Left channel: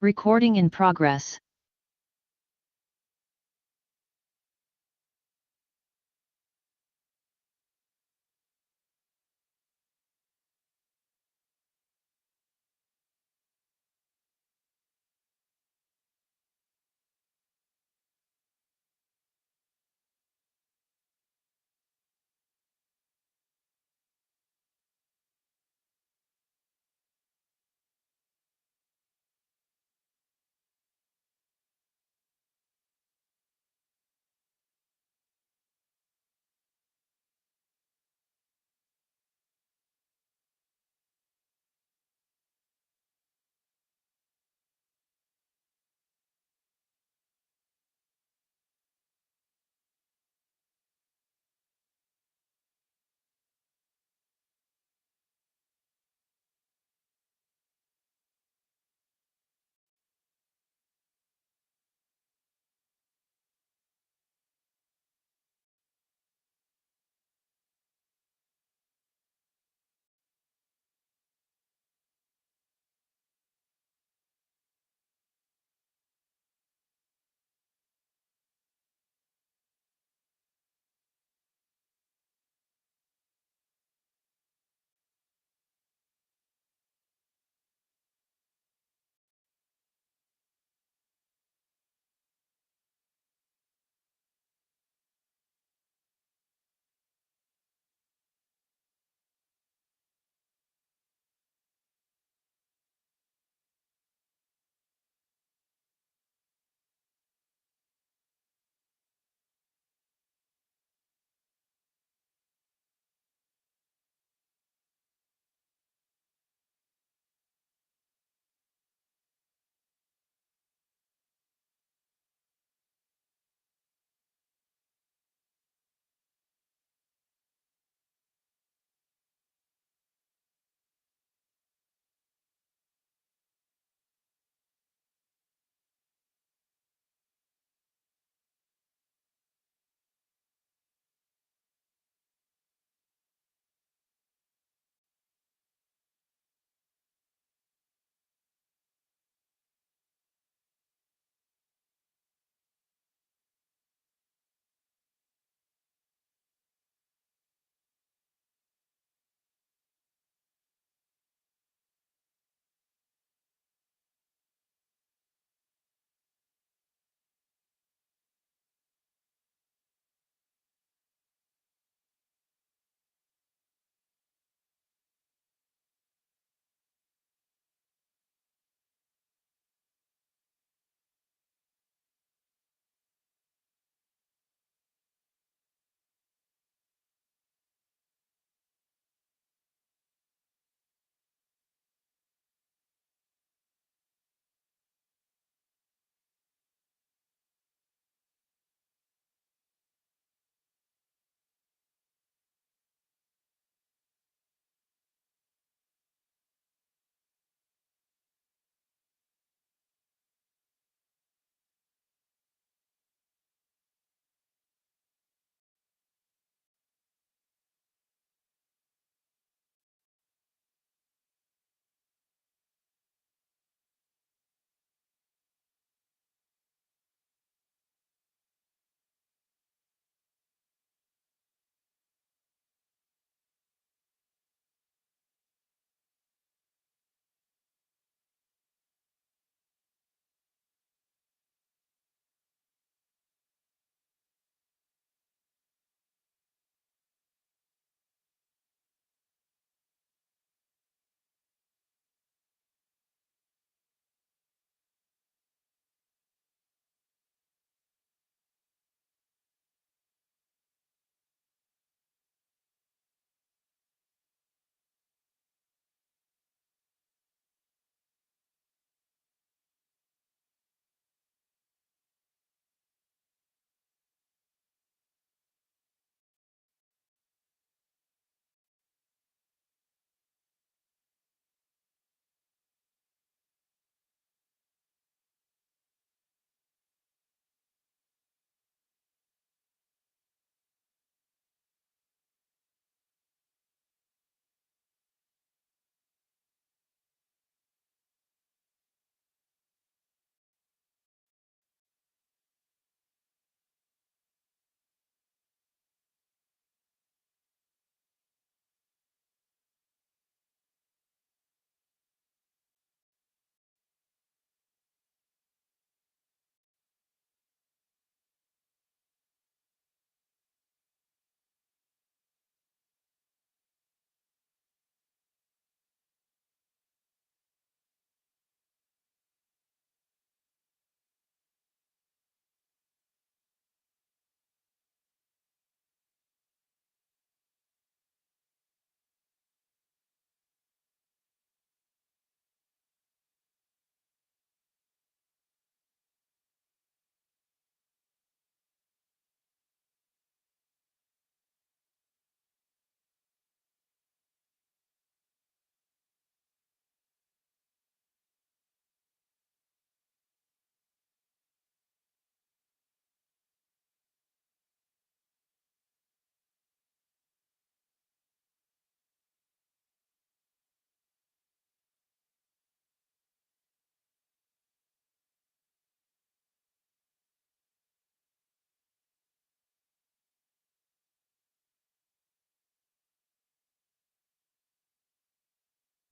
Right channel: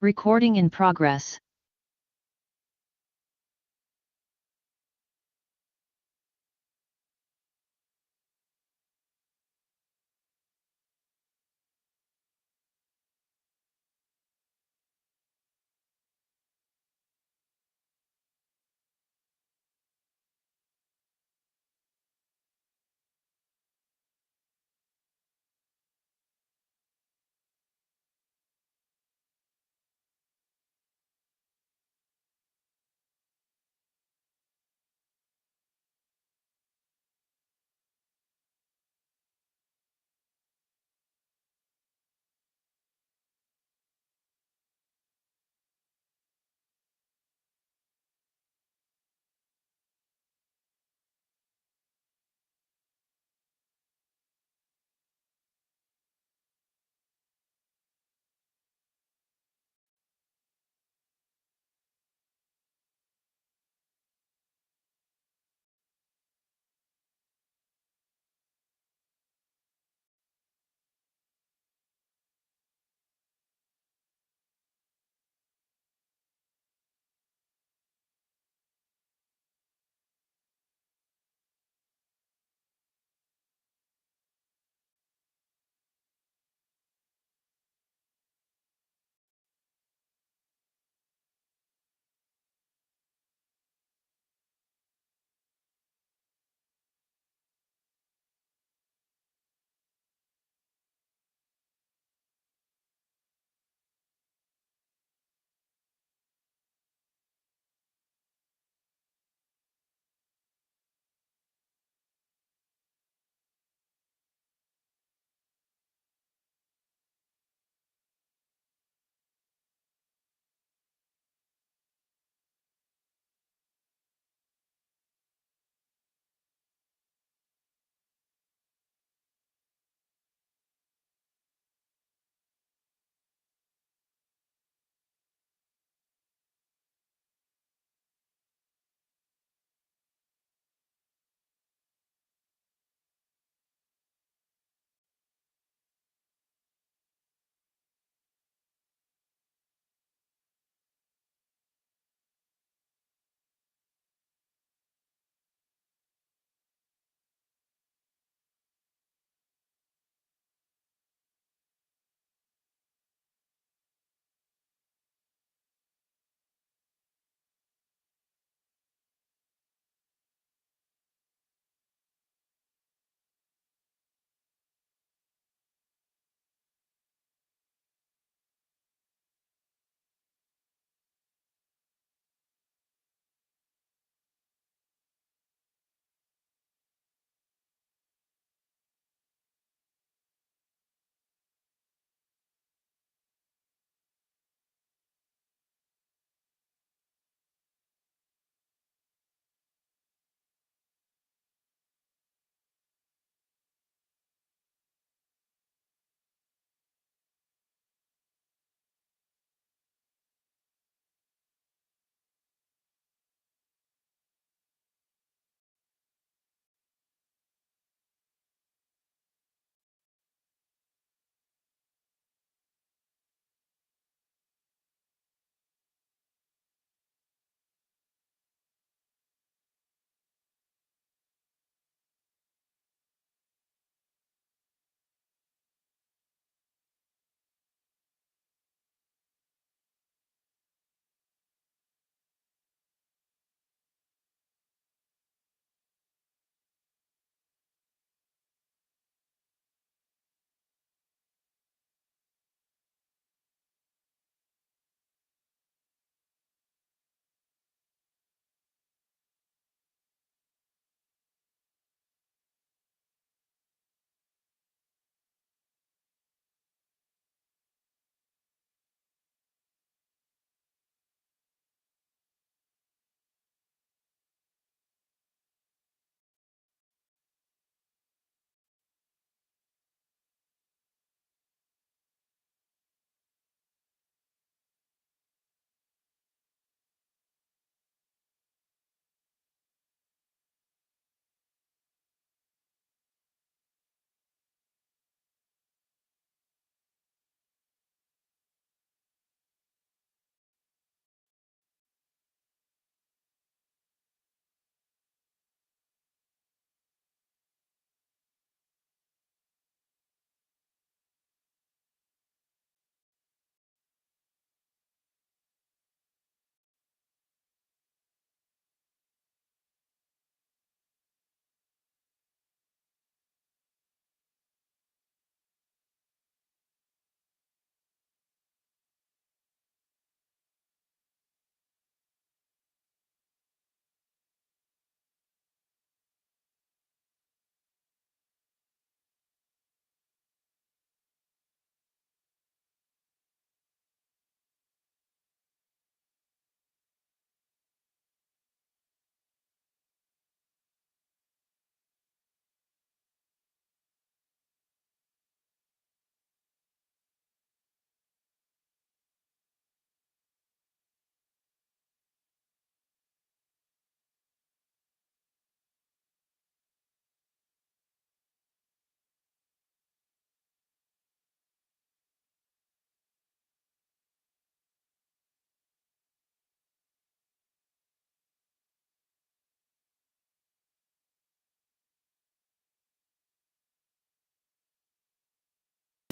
Recording in progress.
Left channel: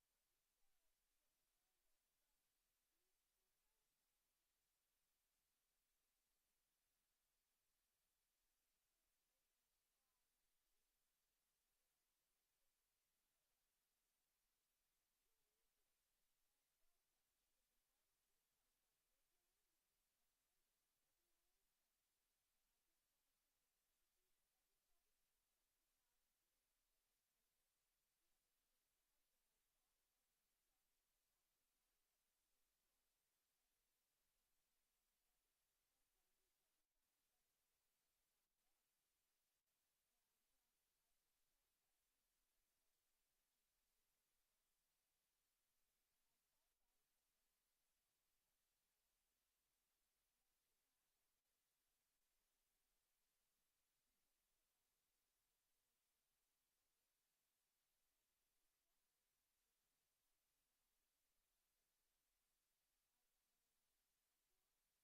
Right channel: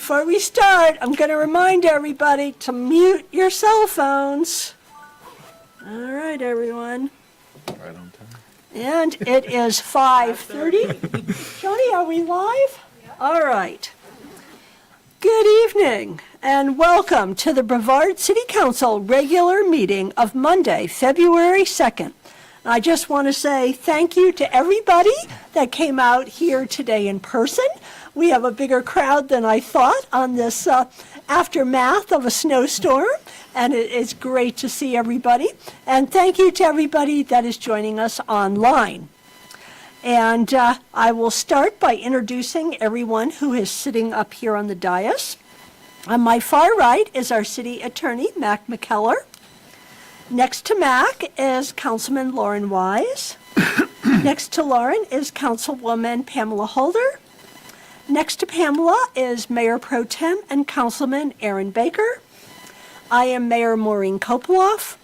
Before we start, I'm going to remind everybody to mute your cell phones. All right, everyone. Right on time. And it is 5:30. Joni, are we live? All right. Good evening and welcome to the Brevard City Council regular meeting of Monday, February 2nd. I just want to say thank you to everybody that came out here today in person. We have a bigger crowd than I thought on this aftermath of a snowstorm, and it is great to see everybody. And thank you to everybody that is joining us online. And I will start by introducing everyone who is sitting up here on the dais. On my far right is our city attorney, Mac McKellar. Next to Mac is Councilman Lauren Wise. Next to Lauren is Councilwoman Pamela Holder. Next to Pamela is Mayor Pro Tem and Councilman Aaron Baker. I am Mayor Maureen Kopoloff.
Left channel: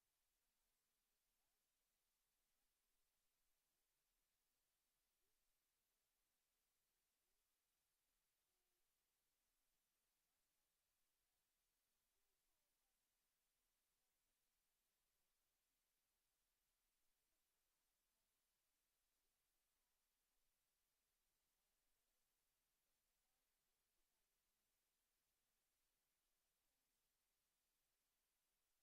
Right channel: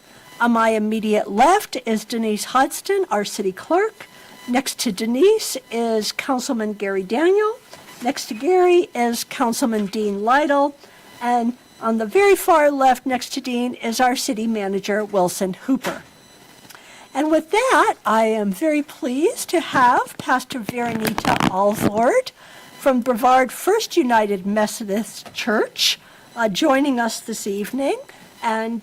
On my immediate left is Denise Hodgson, our city clerk. Next to Denise is Councilman Gary Daniel. Next to Gary is Councilman Dean Lytle. And on the very far left next to Dean is our city manager, Wilson Hooper. And with that, I am very pleased to have Pastor Veronita Alford from Brevard First United Methodist Church joining us this evening. And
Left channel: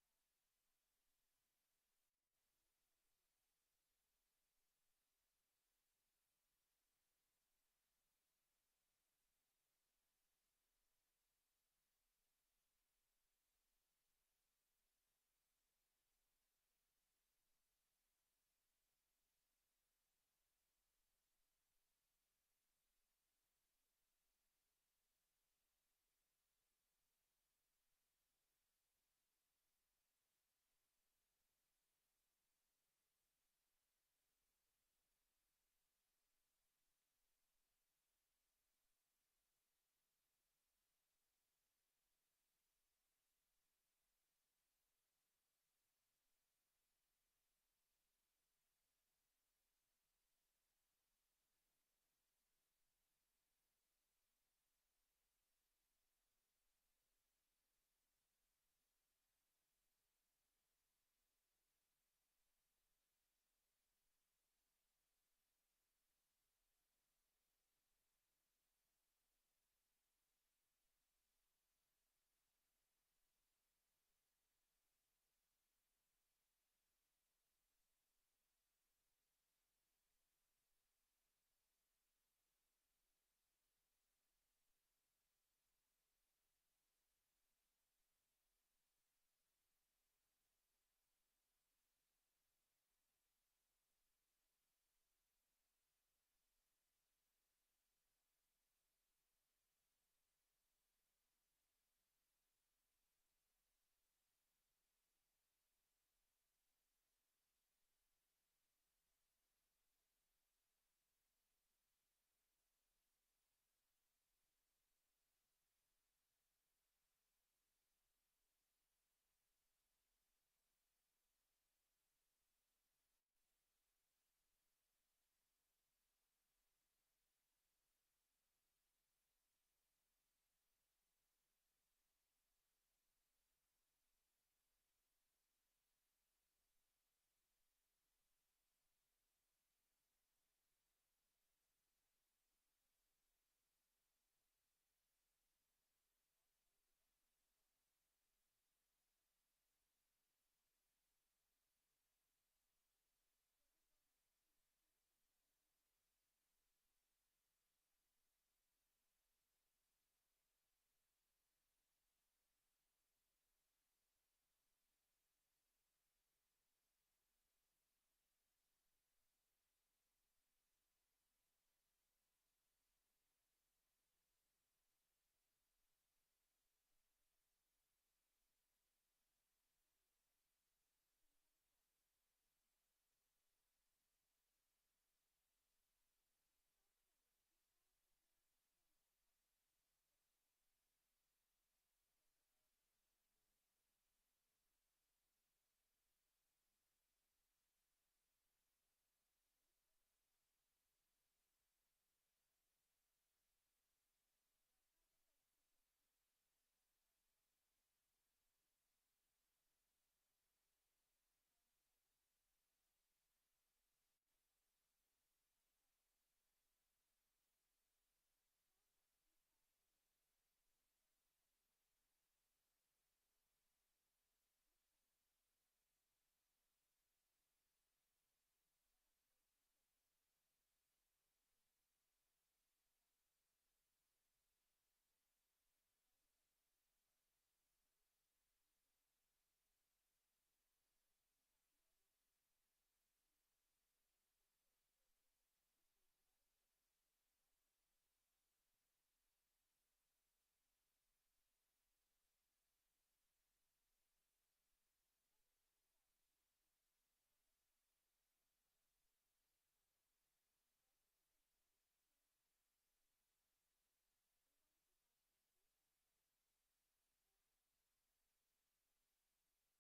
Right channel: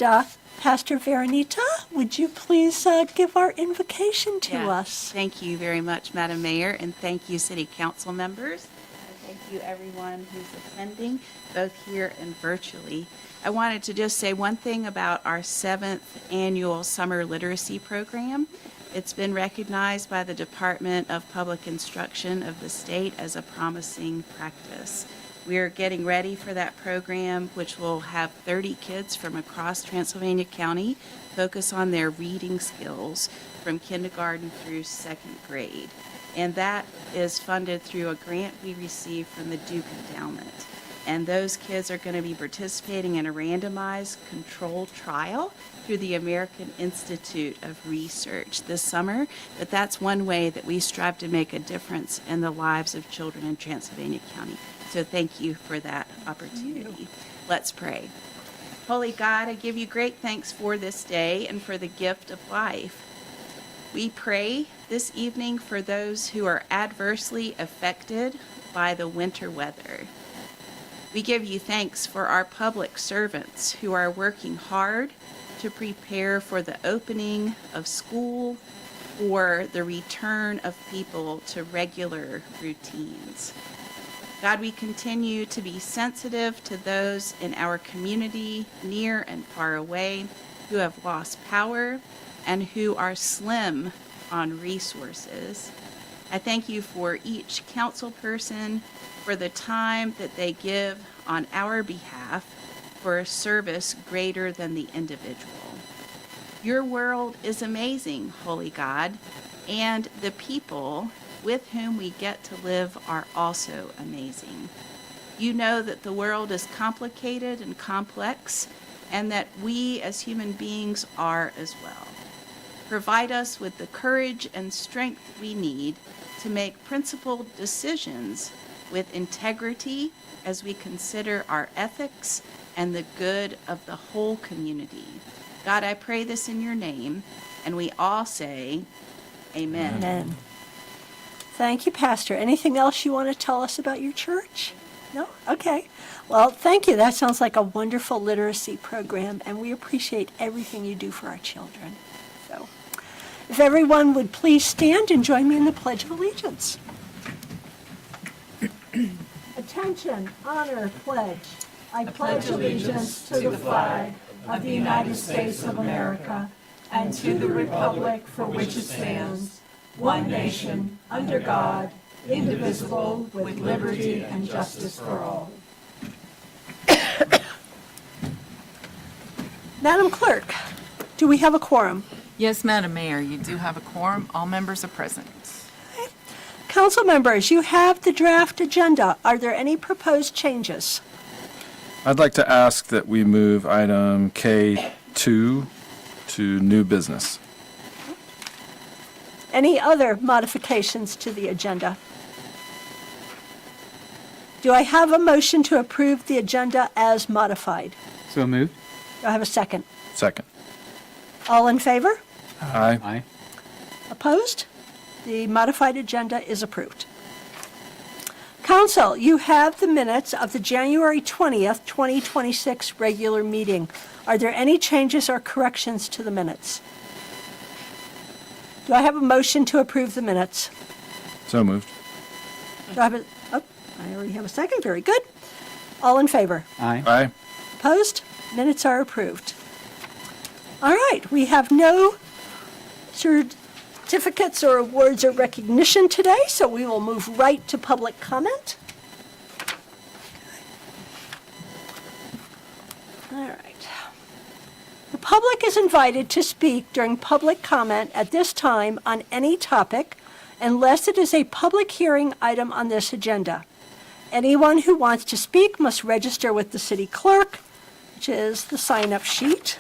Pastor Veronita, would you please give our invocation to us? Thank you very much, Madam Mayor, and thank you, City Council members. And thank you, everyone who's attending, both here and virtually. I wanted to just say one thing about our 7th annual Summer Literacy Program. It's been recognized by the Department of Public Instruction of the state as a promising practice. We are getting ready for that program, which will have 30 kids from across Transylvania County focus on their reading skills from kindergarten through 2nd grade. And that is funded through a grant we received from the Duke Endowment. And those kids are going to be participating in a randomized controlled trial through the American Institute of Research this summer. But that's one way that we strive to make a difference in the lives of children in Transylvania County. So thank you for that opportunity. Let's pray. Holy God, I give you great thanks for this day and for the gift of life. We pray this evening for those who are adversely affected by the winter weather. We give you thanks for our public servants who are working hard to prepare for the opening of school or the return of people to regular routines. God, we continue to be sensitive to those in our community, near and far away, who have lost power and who are slim on resources. I thank you for each council person, for the time that they give on our behalf for a service greater than the individual. Your world is amazing, Holy God, and the people with whom we get to live are also amazing. You know that the world is complicated and complex, and that we as human beings are as well. Provide us with the courage and strength we need to make principled decisions with integrity as we consider our ethics and the good of the whole community. God, I pray this in your name, and we all say, amen. Amen. Thank you, Pastor. Anything else you want to tell us about your church? No? Okay. Well, thank you. That sounds like a wonderful literacy program, and we appreciate everything you do for our children. So, if everyone would please stand and join me in the Pledge of Allegiance. Attention, honor, pledge. I pledge allegiance to the flag of the United States of America and to the republic for which it stands, one nation, under God, indivisible, with liberty and justice for all. Madam Clerk, do we have a quorum? Yes, Madam Mayor, you do have a quorum. All members are present. Council members, you have the draft agenda. Are there any proposed changes? I'd like to ask that we move item K2 to new business. Any other modifications to the agenda? Do I have a motion to approve the agenda as modified? So moved. Do I have a second? Second. All in favor? Aye. Aye. Opposed? The modified agenda is approved. Council, you have the minutes of the January 20th, 2026 regular meeting. Are there any changes or corrections to the minutes? Do I have a motion to approve the minutes? So moved. Do I have I already have a second. Very good. All in favor? Aye. Aye. Opposed? Minutes are approved. All right, we have no certificates or awards or recognition today, so we will move right to public comment. All right. The public is invited to speak during public comment at this time on any topic unless it is a public hearing item on this agenda. Anyone who wants to speak must register with the city clerk, which is the sign-up sheet.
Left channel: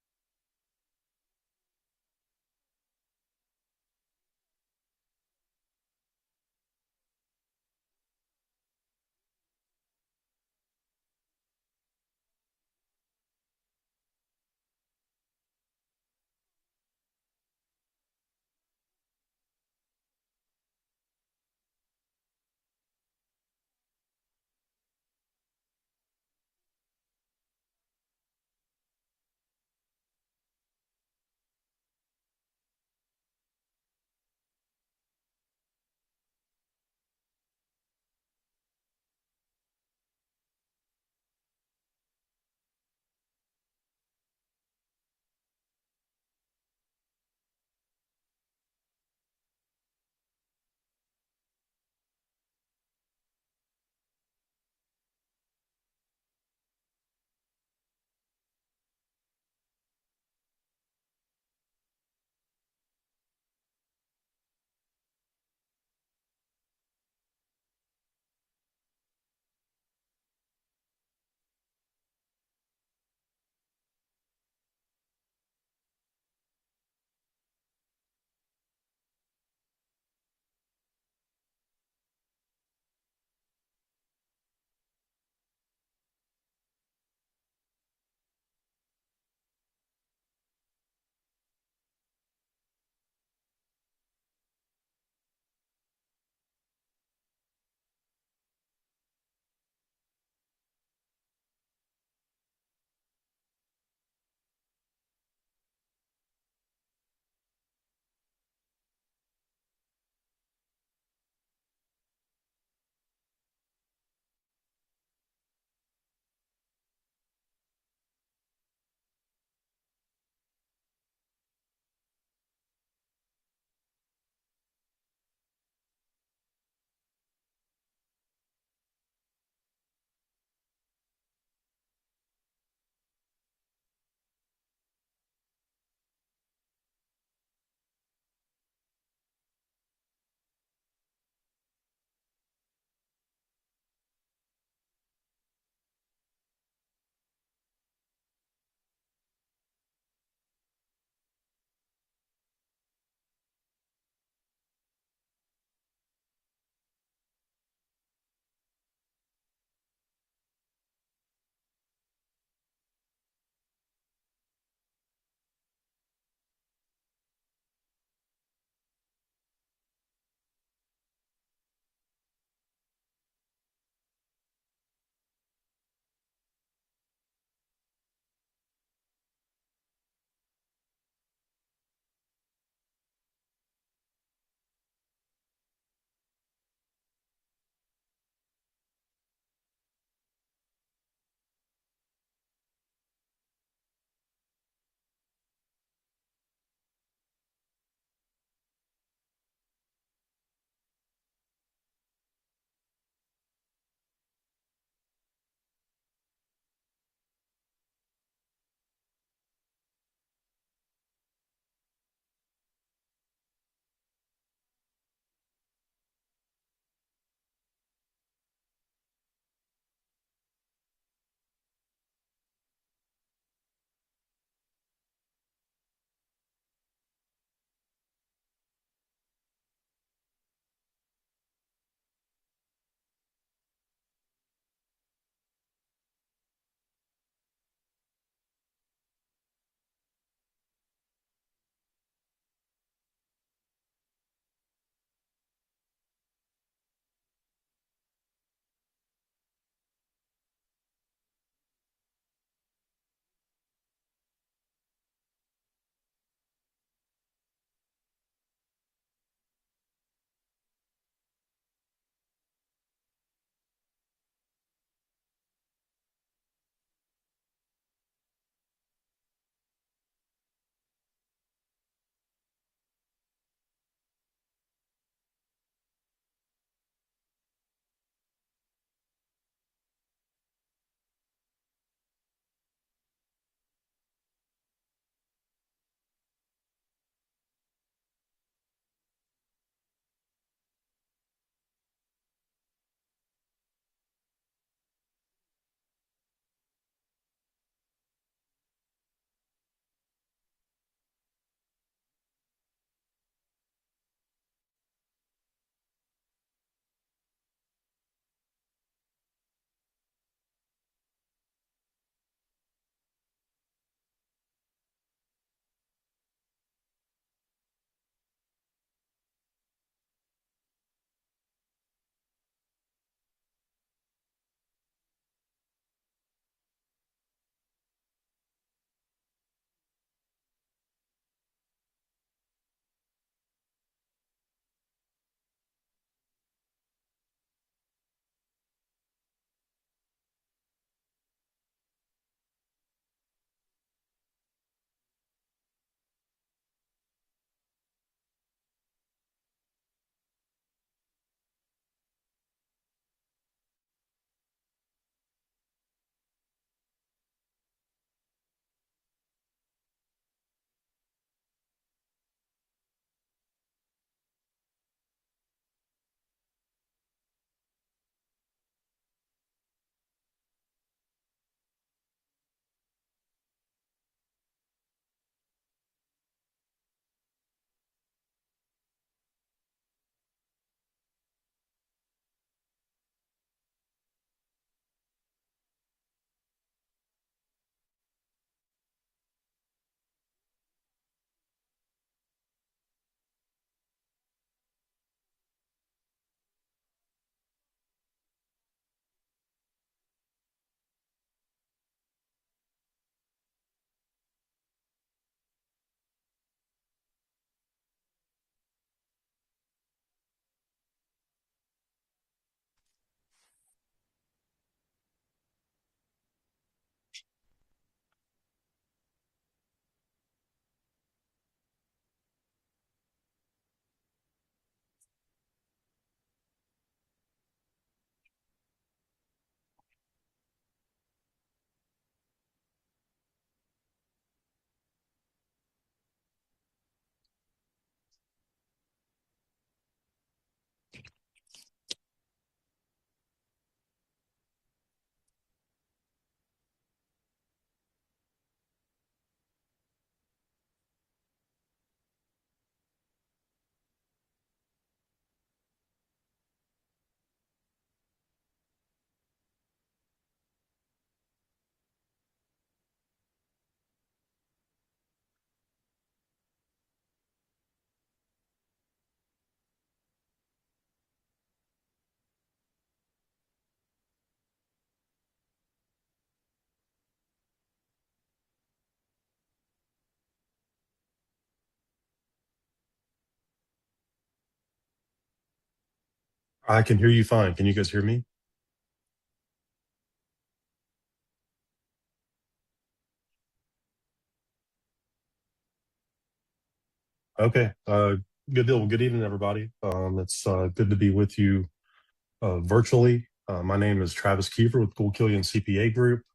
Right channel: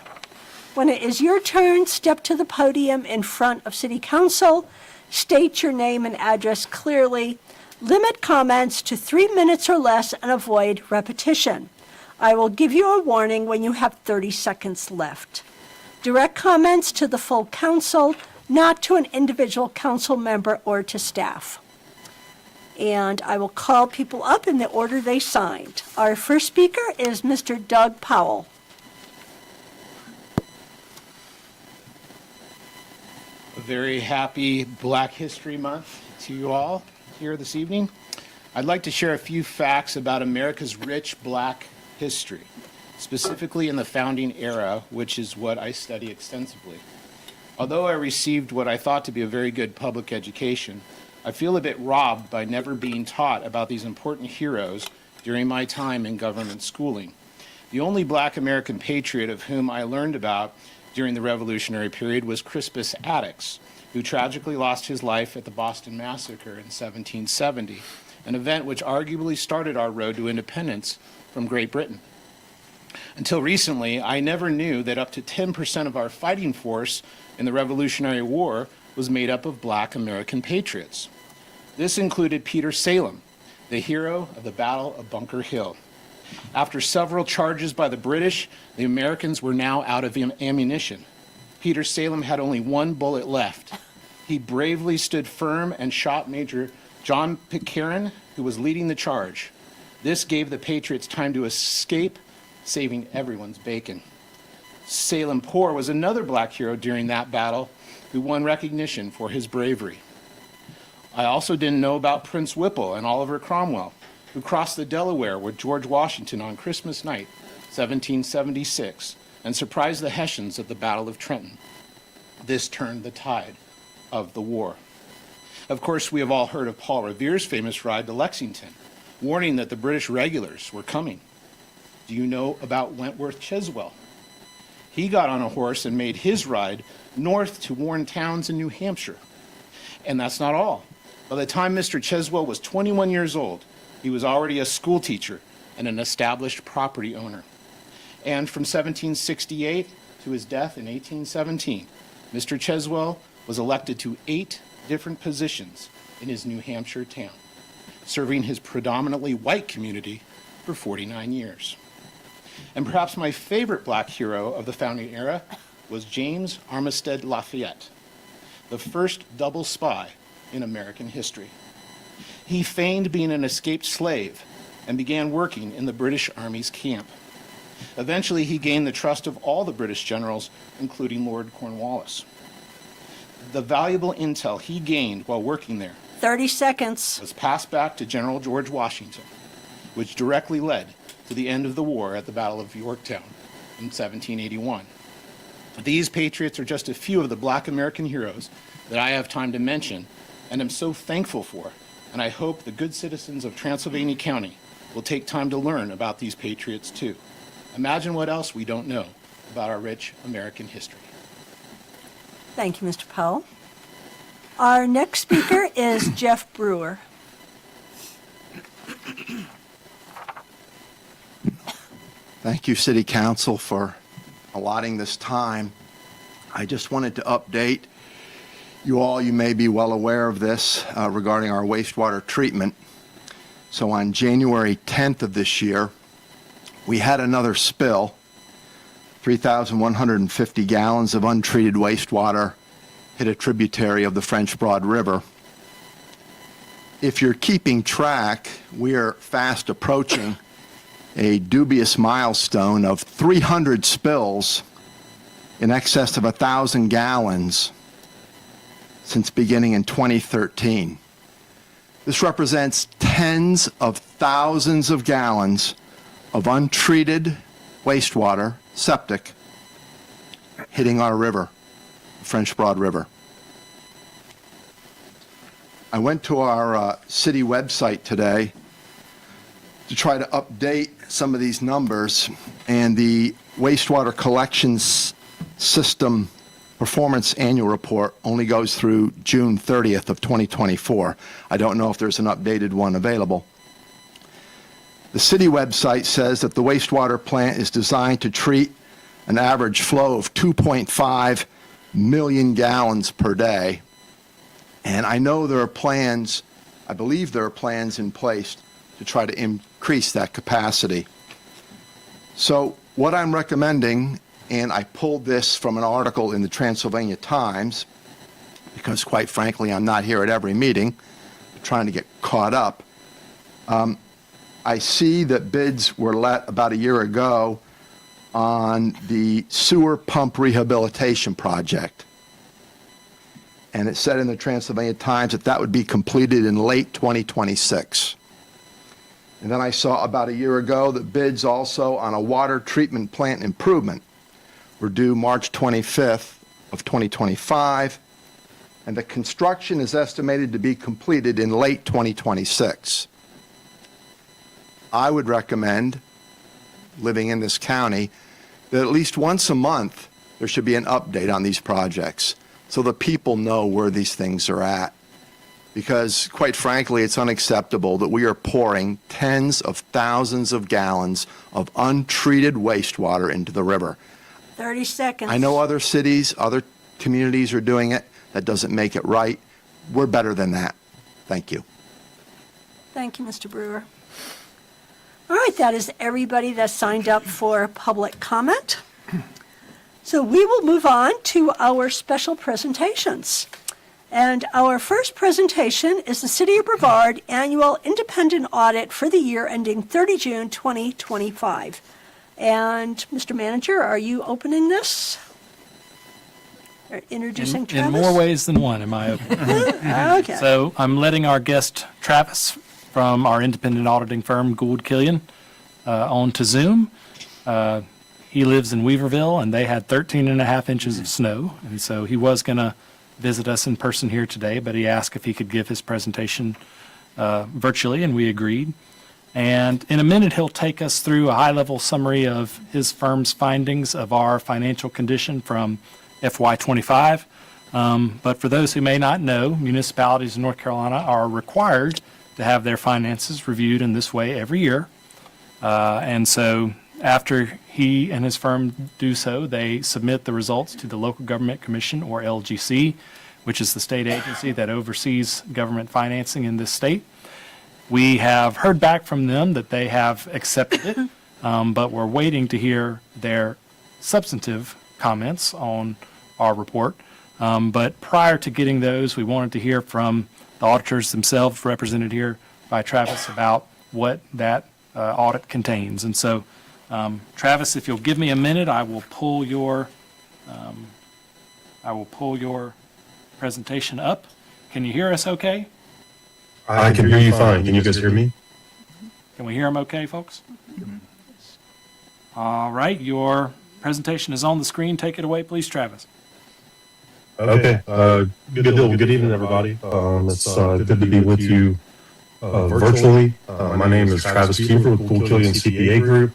When it is your turn, step to the podium in front of City Council, state your name and address clearly, limit comments to 3 minutes or less, and avoid repetition. I will give you a warning when you have 30 seconds left. Direct comments to the full council, not to an individual council member or to staff. And I will call people up in the order they signed. Our first speaker is Mr. Doug Powell. A very happy Black History Month to you all here this evening. I'd like to share a few facts about America's rich Black history, specifically in the founding era, which is what I study extensively. Although I received what I thought to be a very good public education, I feel a bit robbed by never being taught about these important heroes during my time in government schooling. The only Black American patriot of whom I learned about during the Revolutionary period was Crispus Attucks, who tragically lost his life at the Boston Massacre in 1770, an event which arguably started our road to independence from Great Britain. Until recently, I never knew that up to 10% of our fighting force in the Revolutionary War was made up of Black American patriots. This included Peter Salem, the hero of the Battle of Bunker Hill. After several charges by the British, the Americans were now out of ammunition. Peter Salem had only one bullet left. He bravely stood firm and shot Major John Pitcairn, who was leading the charge. This gave the Patriots time to escape, saving everyone's bacon. Salem Poor was another Black hero during that battle who won recognition for his bravery. I also didn't know about Prince Whipple and Oliver Cromwell, who crossed the Delaware with George Washington on Christmas night, 1776, and surprised the Hessians at the Battle of Trenton. This turned the tide of the war. Of course, we have all heard of Paul Revere's famous ride to Lexington, warning that the British regulars were coming. Do you know about Wentworth Cheswell? He got on a horse and made his ride north to Warren Towns in New Hampshire. And that's not all. By the time Mr. Cheswell was 21 years old, he was already a school teacher and an established property owner. And from 1768 to his death in 1817, Mr. Cheswell was elected to 8 different positions in his New Hampshire town, serving his predominantly white community for 49 years. And perhaps my favorite Black hero of the founding era was James Armistead Lafayette, the first double spy in American history. He feigned being an escaped slave and began working in the British Army's camp. Eventually, he gained the trust of all the British generals, including Lord Cornwallis. The valuable intel he gained while working there 30 seconds. was passed back to General George Washington, which directly led to the end of the war at the Battle of Yorktown in 1781. These patriots are just a few of the Black American heroes that I have time to mention and am so thankful for, and I hope the good citizens of Transylvania County will take time to learn about these patriots too. Imagine what else we don't know about our rich American history. Thank you, Mr. Powell. Our next speaker is Jeff Brewer. Thank you, City Council, for allotting this time. I just wanted to update you all. You may be well aware of this regarding our wastewater treatment. So on January 10th of this year, we had another spill. 3,150 gallons of untreated wastewater hit a tributary of the French Broad River. If you're keeping track, we are fast approaching a dubious milestone of 300 spills in excess of 1,000 gallons since beginning in 2013. This represents tens of thousands of gallons of untreated wastewater, septic, hitting our river, the French Broad River. I went to our city website today to try to update some of these numbers, and the wastewater collections system performance annual report only goes through June 30th of 2024. I don't know if there's an updated one available. The city website says that the wastewater plant is designed to treat an average flow of 2.5 million gallons per day. And I know there are plans, I believe there are plans in place to try to increase that capacity. So what I'm recommending, and I pulled this from an article in the Transylvania Times, because quite frankly, I'm not here at every meeting, trying to get caught up. I see that bids were let about a year ago on the sewer pump rehabilitation project. And it said in the Transylvania Times that that would be completed in late 2026. And then I saw about a year ago that bids also on a water treatment plant improvement were due March 25th of 2025, and the construction is estimated to be completed in late 2026. I would recommend, living in this county, that at least once a month there should be an update on these projects so the people know where these things are at. Because quite frankly, it's unacceptable that we are pouring tens of thousands of gallons of untreated wastewater into the river. 30 seconds. I know other cities, other communities are doing it. That doesn't make it right. We're better than that. Thank you. Thank you, Mr. Brewer. All right, that is everybody that signed up for public comment. So we will move on to our special presentations. And our first presentation is the City of Brevard Annual Independent Audit for the year ending 30 June 2025. And Mr. Manager, are you opening this? Or introducing In Travis? more ways than one, am I open? Okay. So I'm letting our guest Travis from our independent auditing firm, Gould Killian, on to Zoom. He lives in Weaverville, and they had 13 and a half inches of snow. And so he was going to visit us in person here today, but he asked if he could give his presentation virtually, and we agreed. And in a minute, he'll take us through a high-level summary of his firm's findings of our financial condition from FY25. But for those who may not know, municipalities in North Carolina are required to have their finances reviewed in this way every year. And so after he and his firm do so, they submit the results to the Local Government Commission, or LGC, which is the state agency that oversees government financing in this state. We have heard back from them that they have accepted it, but we're waiting to hear their substantive comments on our report. But prior to getting those, we wanted to hear from the auditors themselves, represented here by Travis, about what that audit contains. And so, Travis, if you'll give me a minute, I will pull your presentation up. Can you hear us okay? I can hear you fine. Can you guys hear me? Can we hear them okay, folks? All right, your presentation is on the screen. Take it away, please, Travis. Okay. Good evening, everybody. It's good to be with you virtually. My name is Travis Kiefer with Gould Killian CPA Group.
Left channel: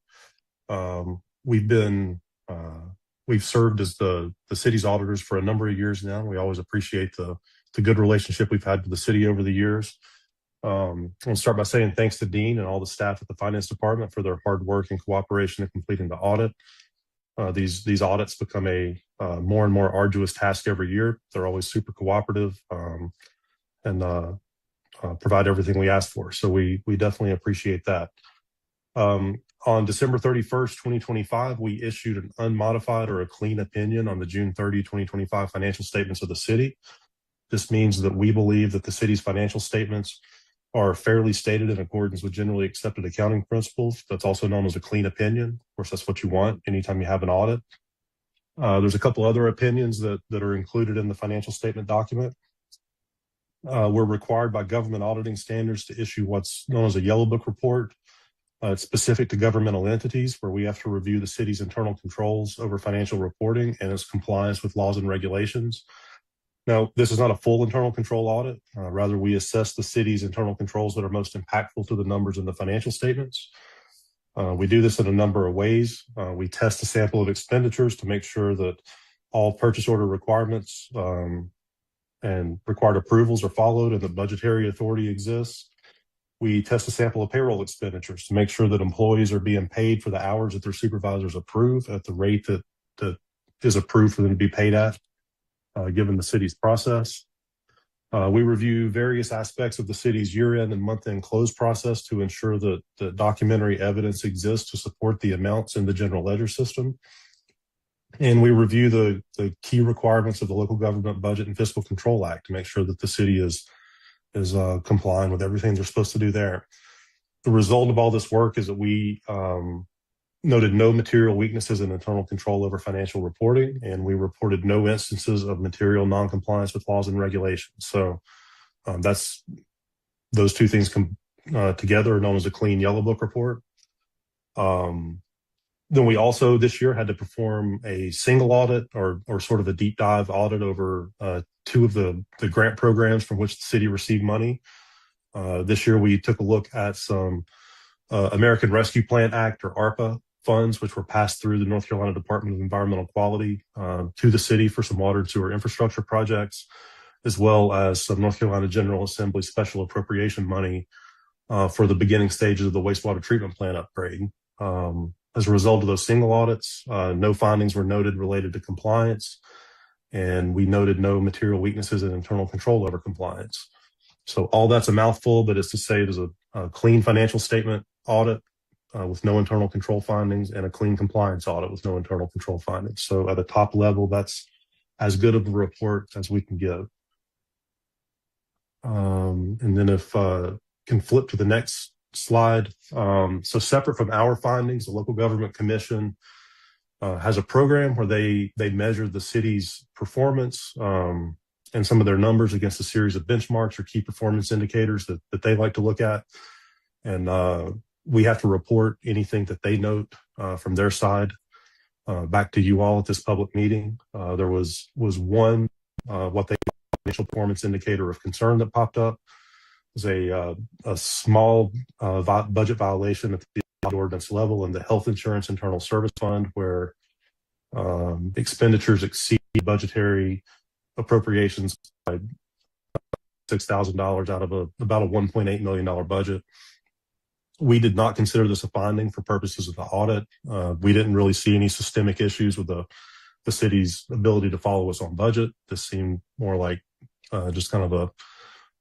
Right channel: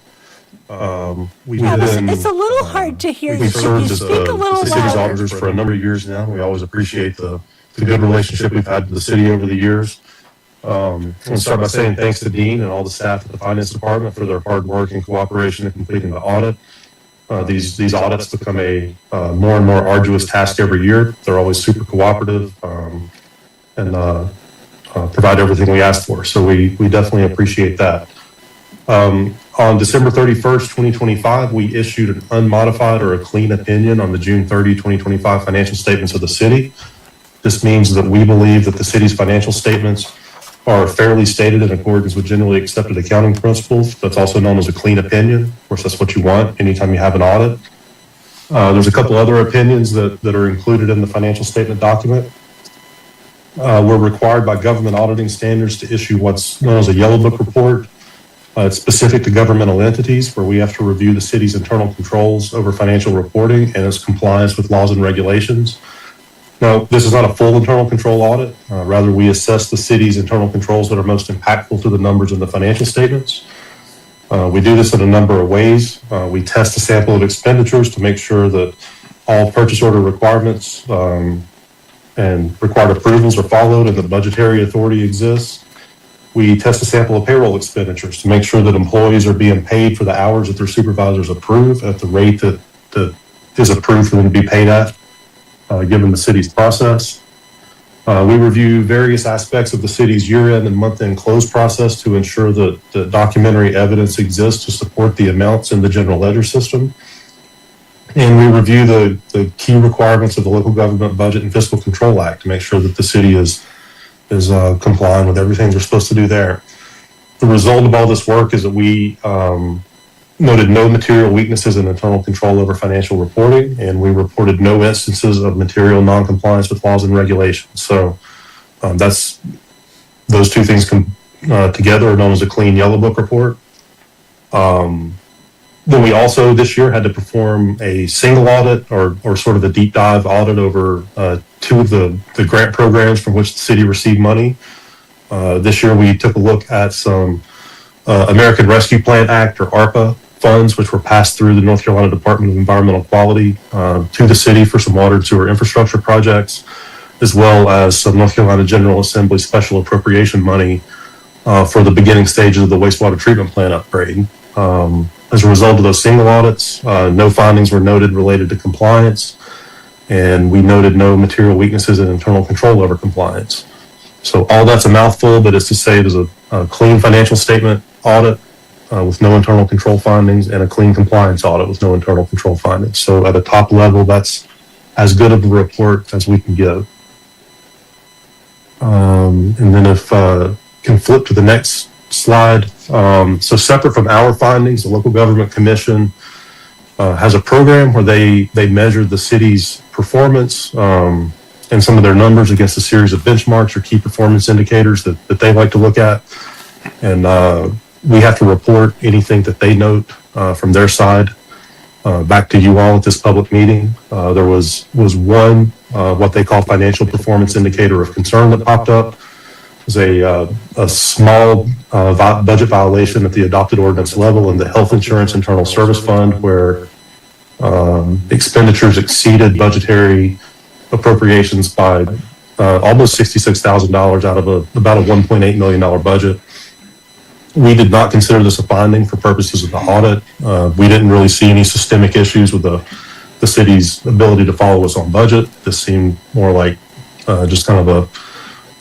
It's a little hard to hear you. We've Could served you as speak a the little city's louder? auditors for a number of years now. We always appreciate the good relationship we've had with the city over the years. I want to start by saying thanks to Dean and all the staff at the Finance Department for their hard work and cooperation in completing the audit. These audits become a more and more arduous task every year. They're always super cooperative, and provide everything we asked for. So we definitely appreciate that. On December 31st, 2025, we issued an unmodified or a clean opinion on the June 30, 2025 financial statements of the city. This means that we believe that the city's financial statements are fairly stated in accordance with generally accepted accounting principles. That's also known as a clean opinion. Of course, that's what you want anytime you have an audit. There's a couple other opinions that are included in the financial statement document. We're required by government auditing standards to issue what's known as a yellow book report. It's specific to governmental entities where we have to review the city's internal controls over financial reporting and its compliance with laws and regulations. Now, this is not a full internal control audit. Rather, we assess the city's internal controls that are most impactful to the numbers in the financial statements. We do this in a number of ways. We test a sample of expenditures to make sure that all purchase order requirements and required approvals are followed and the budgetary authority exists. We test a sample of payroll expenditures to make sure that employees are being paid for the hours that their supervisors approve at the rate that is approved for them to be paid at, given the city's process. We review various aspects of the city's year-end and month-end close process to ensure that the documentary evidence exists to support the amounts in the general ledger system. And we review the key requirements of the Local Government Budget and Fiscal Control Act to make sure that the city is complying with everything we're supposed to do there. The result of all this work is that we noted no material weaknesses in internal control over financial reporting, and we reported no instances of material noncompliance with laws and regulations. So those two things together are known as a clean yellow book report. Then we also this year had to perform a single audit or sort of a deep dive audit over two of the grant programs from which the city received money. This year we took a look at some American Rescue Plan Act or ARPA funds, which were passed through the North Carolina Department of Environmental Quality to the city for some water and sewer infrastructure projects, as well as some North Carolina General Assembly special appropriation money for the beginning stages of the wastewater treatment plant upgrade. As a result of those single audits, no findings were noted related to compliance, and we noted no material weaknesses in internal control over compliance. So all that's a mouthful, but it's to say there's a clean financial statement audit with no internal control findings and a clean compliance audit with no internal control findings. So at a top level, that's as good of a report as we can give. And then if can flip to the next slide. So separate from our findings, the Local Government Commission has a program where they measure the city's performance and some of their numbers against a series of benchmarks or key performance indicators that they like to look at. And we have to report anything that they note from their side back to you all at this public meeting. There was one, what they call financial performance indicator of concern that popped up. It was a small budget violation at the adopted ordinance level in the Health Insurance Internal Service Fund, where expenditures exceeded budgetary appropriations by almost $66,000 out of about a $1.8 million budget. We did not consider this a finding for purposes of the audit. We didn't really see any systemic issues with the city's ability to follow us on budget. This seemed more like just kind of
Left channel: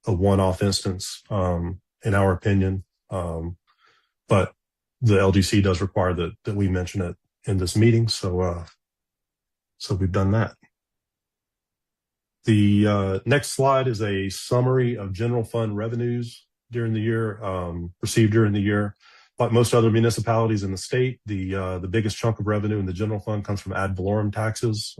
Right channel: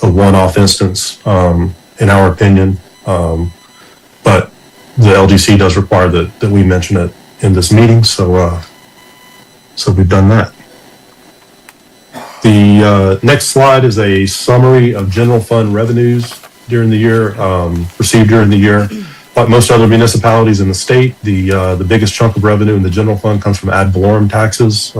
a one-off instance, in our opinion. But the LGC does require that we mention it in this meeting, so we've done that. The next slide is a summary of general fund revenues during the year, received during the year. Like most other municipalities in the state, the biggest chunk of revenue in the general fund comes from ad valorem taxes.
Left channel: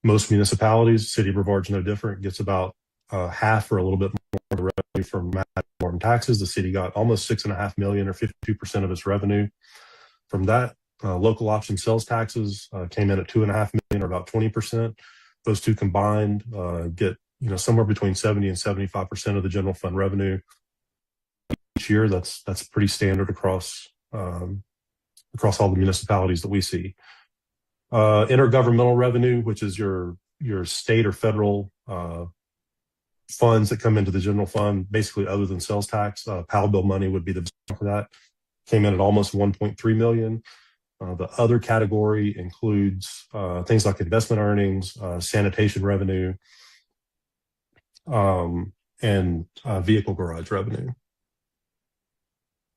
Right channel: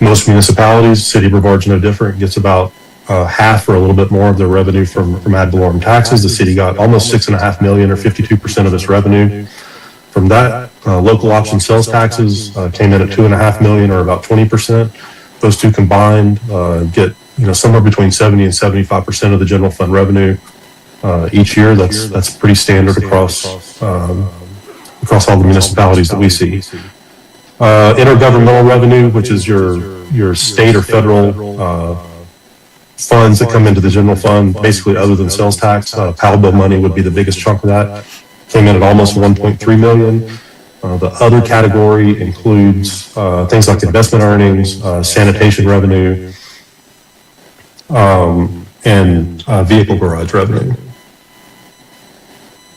Most municipalities, City of Brevard's no different, gets about half or a little bit more of their revenue from ad valorem taxes. The city got almost $6.5 million or 52% of its revenue from that. Local option sales taxes came in at $2.5 million or about 20%. Those two combined get somewhere between 70 and 75% of the general fund revenue each year. That's pretty standard across all the municipalities that we see. Intergovernmental revenue, which is your state or federal funds that come into the general fund, basically other than sales tax. PAL bill money would be the biggest chunk of that. Came in at almost $1.3 million. The other category includes things like investment earnings, sanitation revenue, and vehicle garage revenue.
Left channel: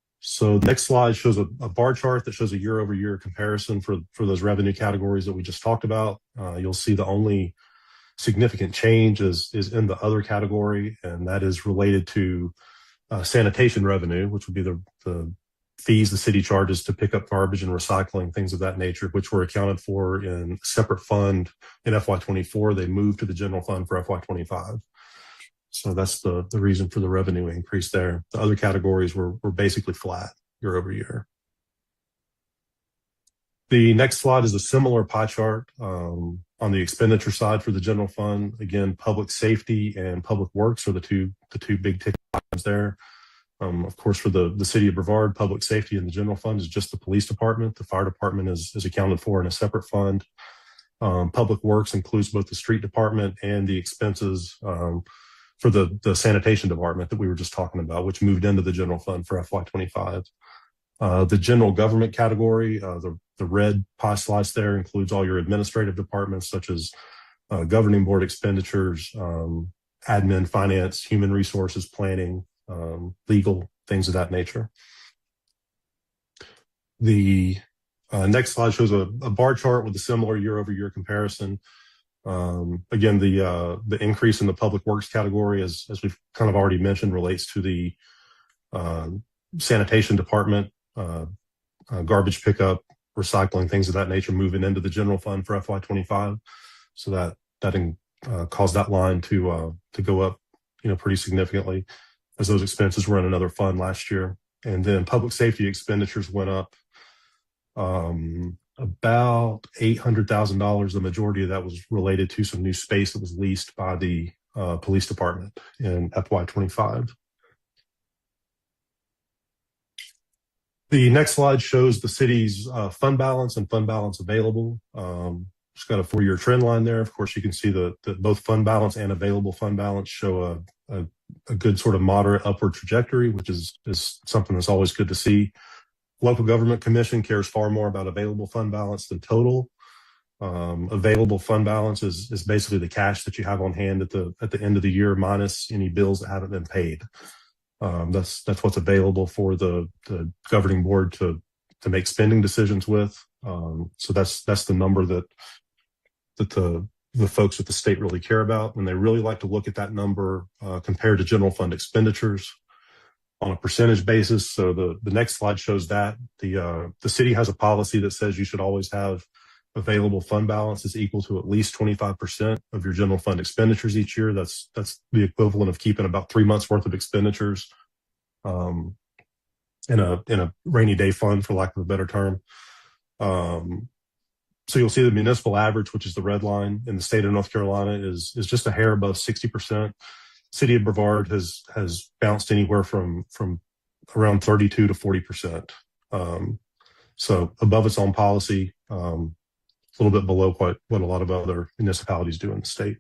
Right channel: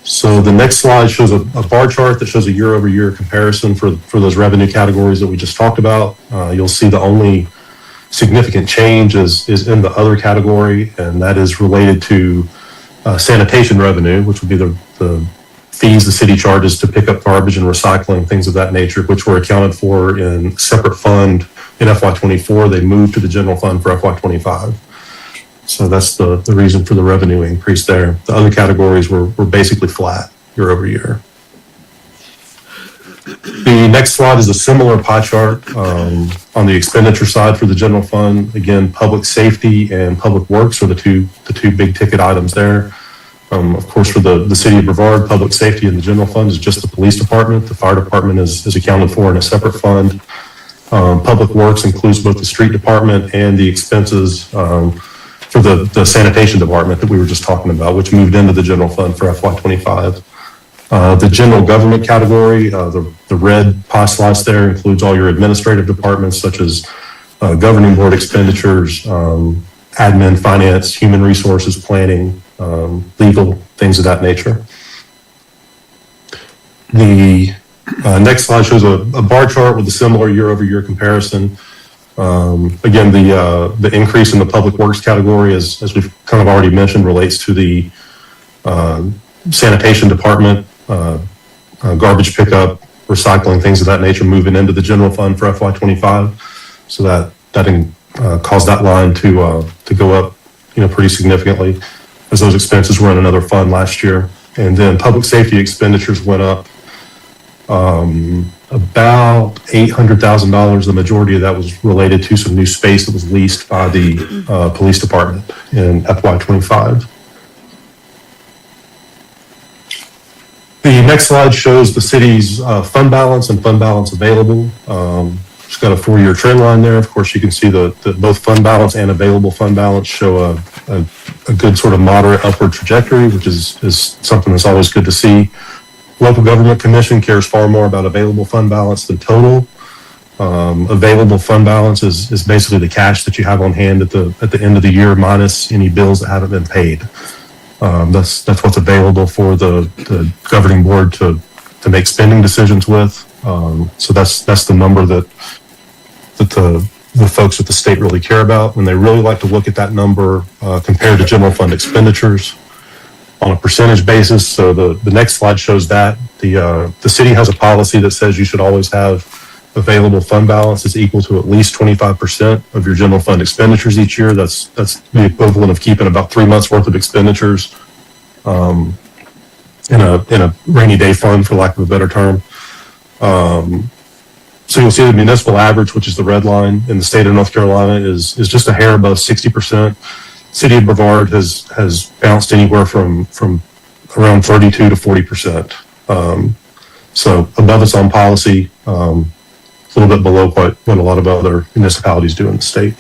So the next slide shows a bar chart that shows a year-over-year comparison for those revenue categories that we just talked about. You'll see the only significant change is in the other category, and that is related to sanitation revenue, which would be the fees the city charges to pick up garbage and recycling, things of that nature, which were accounted for in a separate fund in FY24. They moved to the general fund for FY25. So that's the reason for the revenue increase there. The other categories were basically flat year over year. The next slide is a similar pie chart on the expenditure side for the general fund. Again, public safety and public works are the two big ticket items there. Of course, for the city of Brevard, public safety in the general fund is just the police department. The fire department is accounted for in a separate fund. Public works includes both the street department and the expenses for the sanitation department that we were just talking about, which moved into the general fund for FY25. The general government category, the red pie slice there includes all your administrative departments such as governing board expenditures, admin, finance, human resources, planning, legal, things of that nature. The next slide shows a bar chart with a similar year-over-year comparison. Again, the increase in the public works category, as we've kind of already mentioned, relates to the sanitation department, garbage pickup, recycling, things of that nature, moving into the general fund for FY25. So that caused that line to go up, pretty significantly, as those expenses were in another fund last year. And then public safety expenditures went up about $800,000. The majority of that was related to some new space that was leased by the police department in FY25. The next slide shows the city's fund balance and fund balance available. It's got a 4-year trend line there. Of course, you can see that both fund balance and available fund balance show a good sort of moderate upward trajectory, which is something that's always good to see. Local Government Commission cares far more about available fund balance than total. Available fund balance is basically the cash that you have on hand at the end of the year minus any bills that haven't been paid. That's what's available for the governing board to make spending decisions with. So that's the number that the folks at the state really care about, and they really like to look at that number compared to general fund expenditures on a percentage basis. So the next slide shows that the city has a policy that says you should always have available fund balance is equal to at least 25% of your general fund expenditures each year. That's the equivalent of keeping about 3 months worth of expenditures in a rainy day fund, for lack of a better term. So you'll see the municipal average, which is the red line in the state of North Carolina, is just a hair above 60%. City of Brevard has bounced anywhere from around 32 to 40%. So above its own policy, a little bit below what a lot of other municipalities do in the state.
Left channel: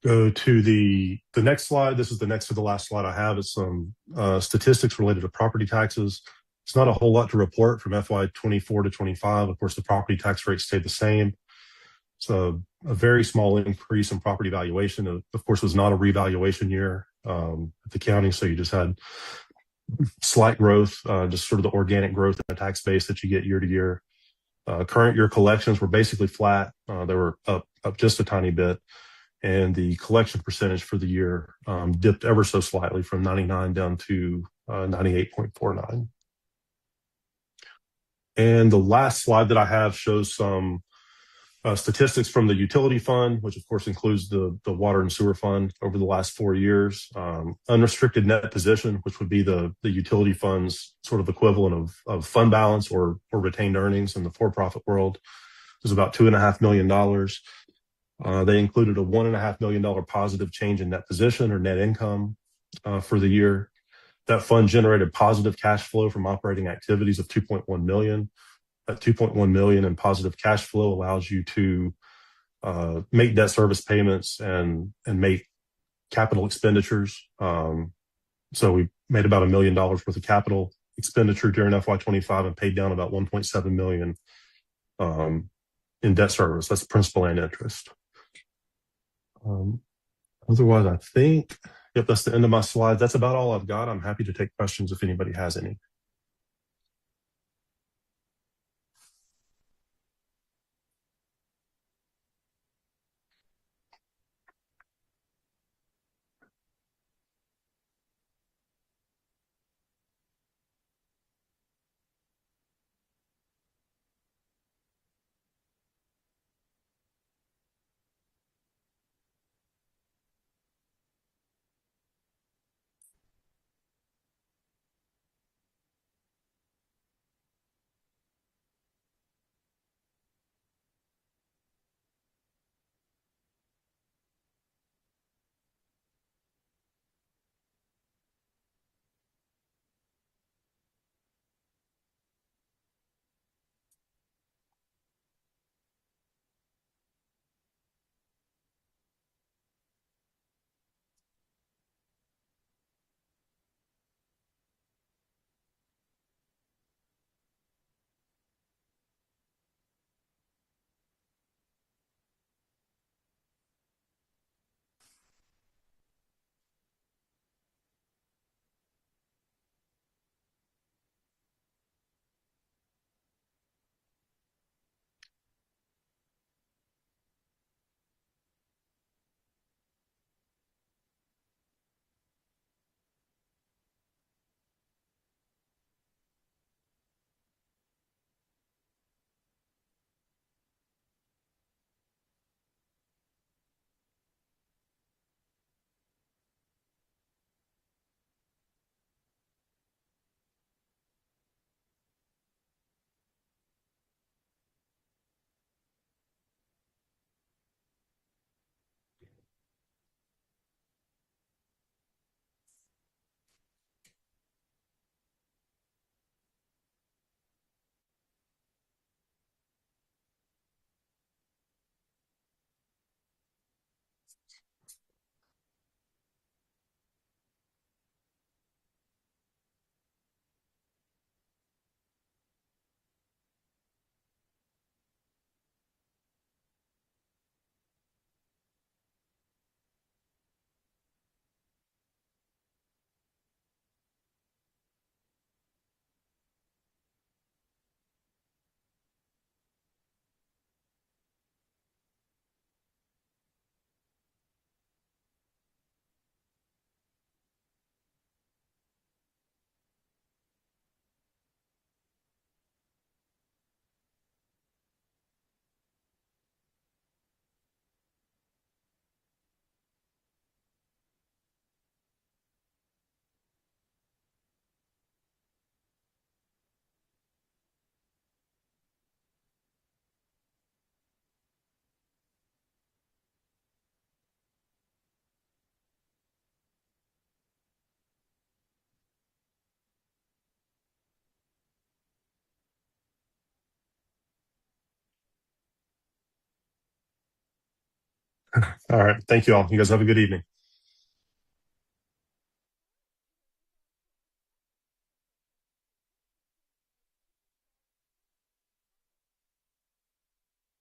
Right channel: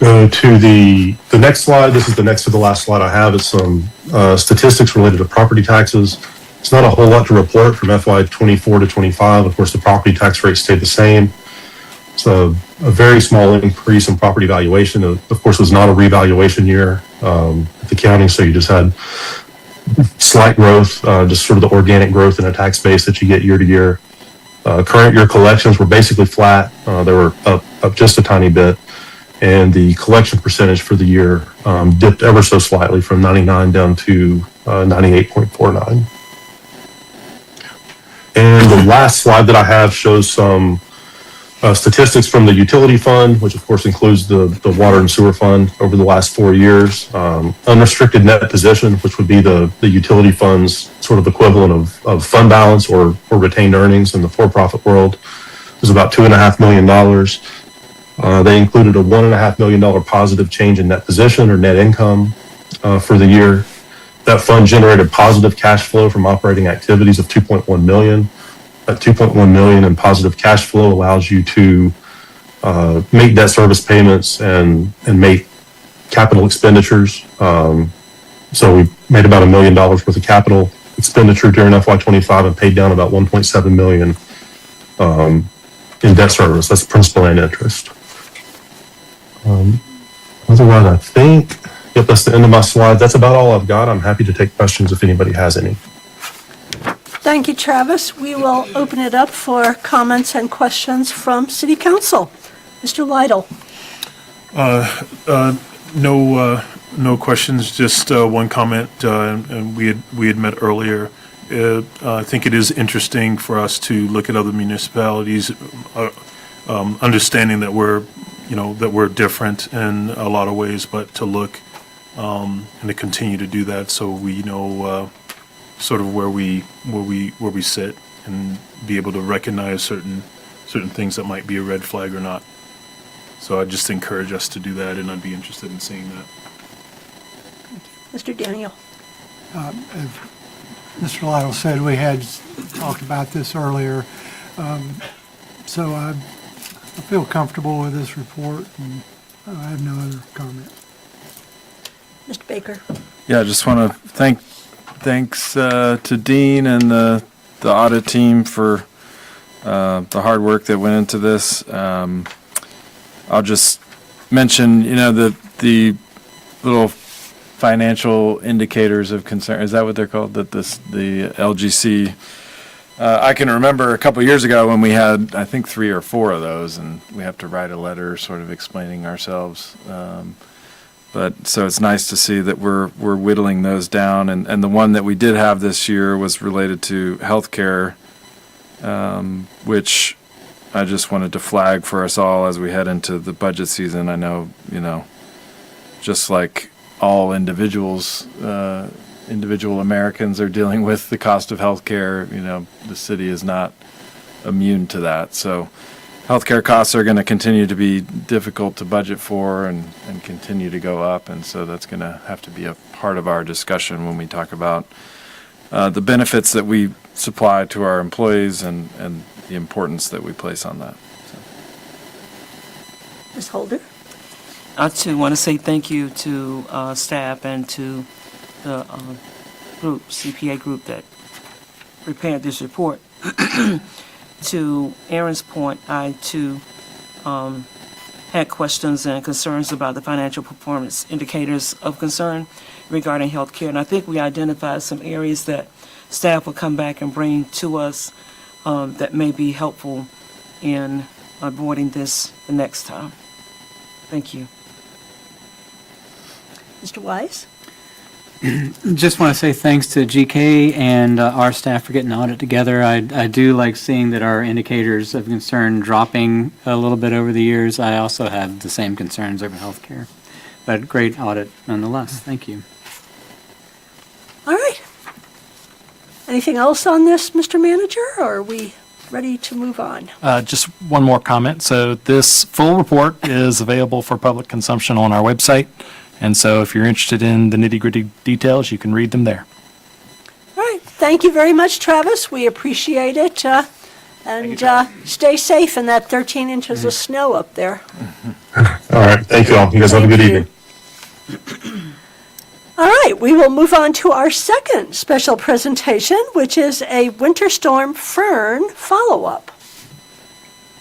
Go to the next slide. This is the next to the last slide I have. It's some statistics related to property taxes. It's not a whole lot to report from FY24 to 25. Of course, the property tax rate stayed the same. So a very small increase in property valuation. Of course, it was not a revaluation year at the county, so you just had slight growth, just sort of the organic growth in a tax base that you get year to year. Current year collections were basically flat. They were up just a tiny bit. And the collection percentage for the year dipped ever so slightly from 99 down to 98.49. And the last slide that I have shows some statistics from the utility fund, which of course includes the water and sewer fund over the last 4 years. Unrestricted net position, which would be the utility fund's sort of equivalent of fund balance or retained earnings in the for-profit world, was about $2.5 million. They included a $1.5 million positive change in net position or net income for the year. That fund generated positive cash flow from operating activities of $2.1 million. That $2.1 million in positive cash flow allows you to make debt service payments and make capital expenditures. So we made about $1 million worth of capital expenditure during FY25 and paid down about $1.7 million in debt service. That's principal and interest. Otherwise, I think, yep, that's the end of my slide. That's about all I've got. I'm happy to take questions if anybody has any. Thank you, Travis. We will open it up for comments and questions from City Council. Mr. Lytle. No questions, just one comment, and we had met earlier. I think it is interesting for us to look at other municipalities, understanding that we're different in a lot of ways, but to look and to continue to do that so we know sort of where we sit and be able to recognize certain things that might be a red flag or not. So I just encourage us to do that, and I'd be interested in seeing that. Mr. Daniel. As Mr. Lytle said, we had talked about this earlier. So I feel comfortable with this report, and I have no other comment. Mr. Baker. Yeah, I just want to thanks to Dean and the audit team for the hard work that went into this. I'll just mention, the little financial indicators of concern. Is that what they're called? That the LGC. I can remember a couple years ago when we had, I think, 3 or 4 of those, and we have to write a letter sort of explaining ourselves. But so it's nice to see that we're whittling those down, and the one that we did have this year was related to healthcare, which I just wanted to flag for us all as we head into the budget season. I know, just like all individuals, individual Americans are dealing with the cost of healthcare. The city is not immune to that. So healthcare costs are going to continue to be difficult to budget for and continue to go up. And so that's going to have to be a part of our discussion when we talk about the benefits that we supply to our employees and the importance that we place on that. Ms. Holder. I too want to say thank you to staff and to the CPA group that prepared this report. To Aaron's point, I too had questions and concerns about the financial performance indicators of concern regarding healthcare, and I think we identified some areas that staff will come back and bring to us that may be helpful in avoiding this the next time. Thank you. Mr. Wise. Just want to say thanks to GK and our staff for getting the audit together. I do like seeing that our indicators of concern dropping a little bit over the years. I also have the same concerns over healthcare, but great audit nonetheless. Thank you. All right. Anything else on this, Mr. Manager, or are we ready to move on? Just one more comment. So this full report is available for public consumption on our website. And so if you're interested in the nitty-gritty details, you can read them there. All right. Thank you very much, Travis. We appreciate it. And stay safe in that 13 inches of snow up there. All right. Thank you all. You guys have a good evening. All right. We will move on to our second special presentation, which is a Winter Storm Fern follow-up.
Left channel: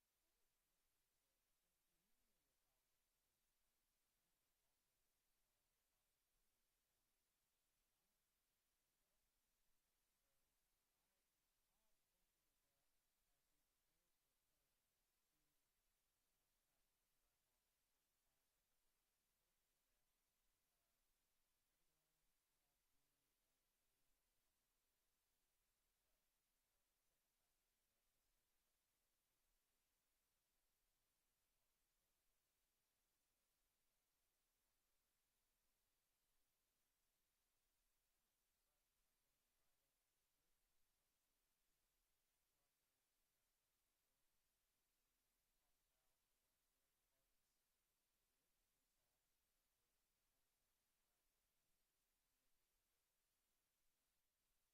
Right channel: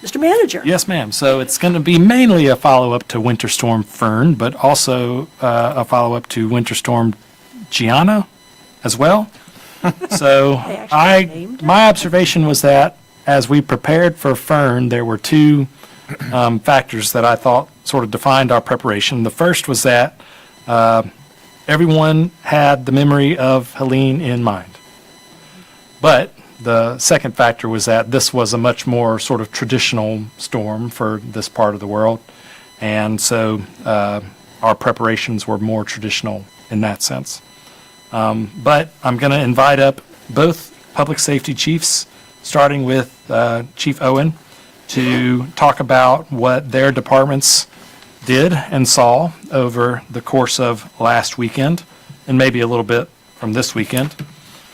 Mr. Manager. Yes, ma'am. So it's going to be mainly a follow-up to Winter Storm Fern, but also a follow-up to Winter Storm Gianna as well. So my observation was that as we prepared for Fern, there were 2 factors that I thought sort of defined our preparation. The first was that everyone had the memory of Helene in mind. But the second factor was that this was a much more sort of traditional storm for this part of the world. And so our preparations were more traditional in that sense. But I'm going to invite up both public safety chiefs, starting with Chief Owen, to talk about what their departments did and saw over the course of last weekend, and maybe a little bit from this weekend.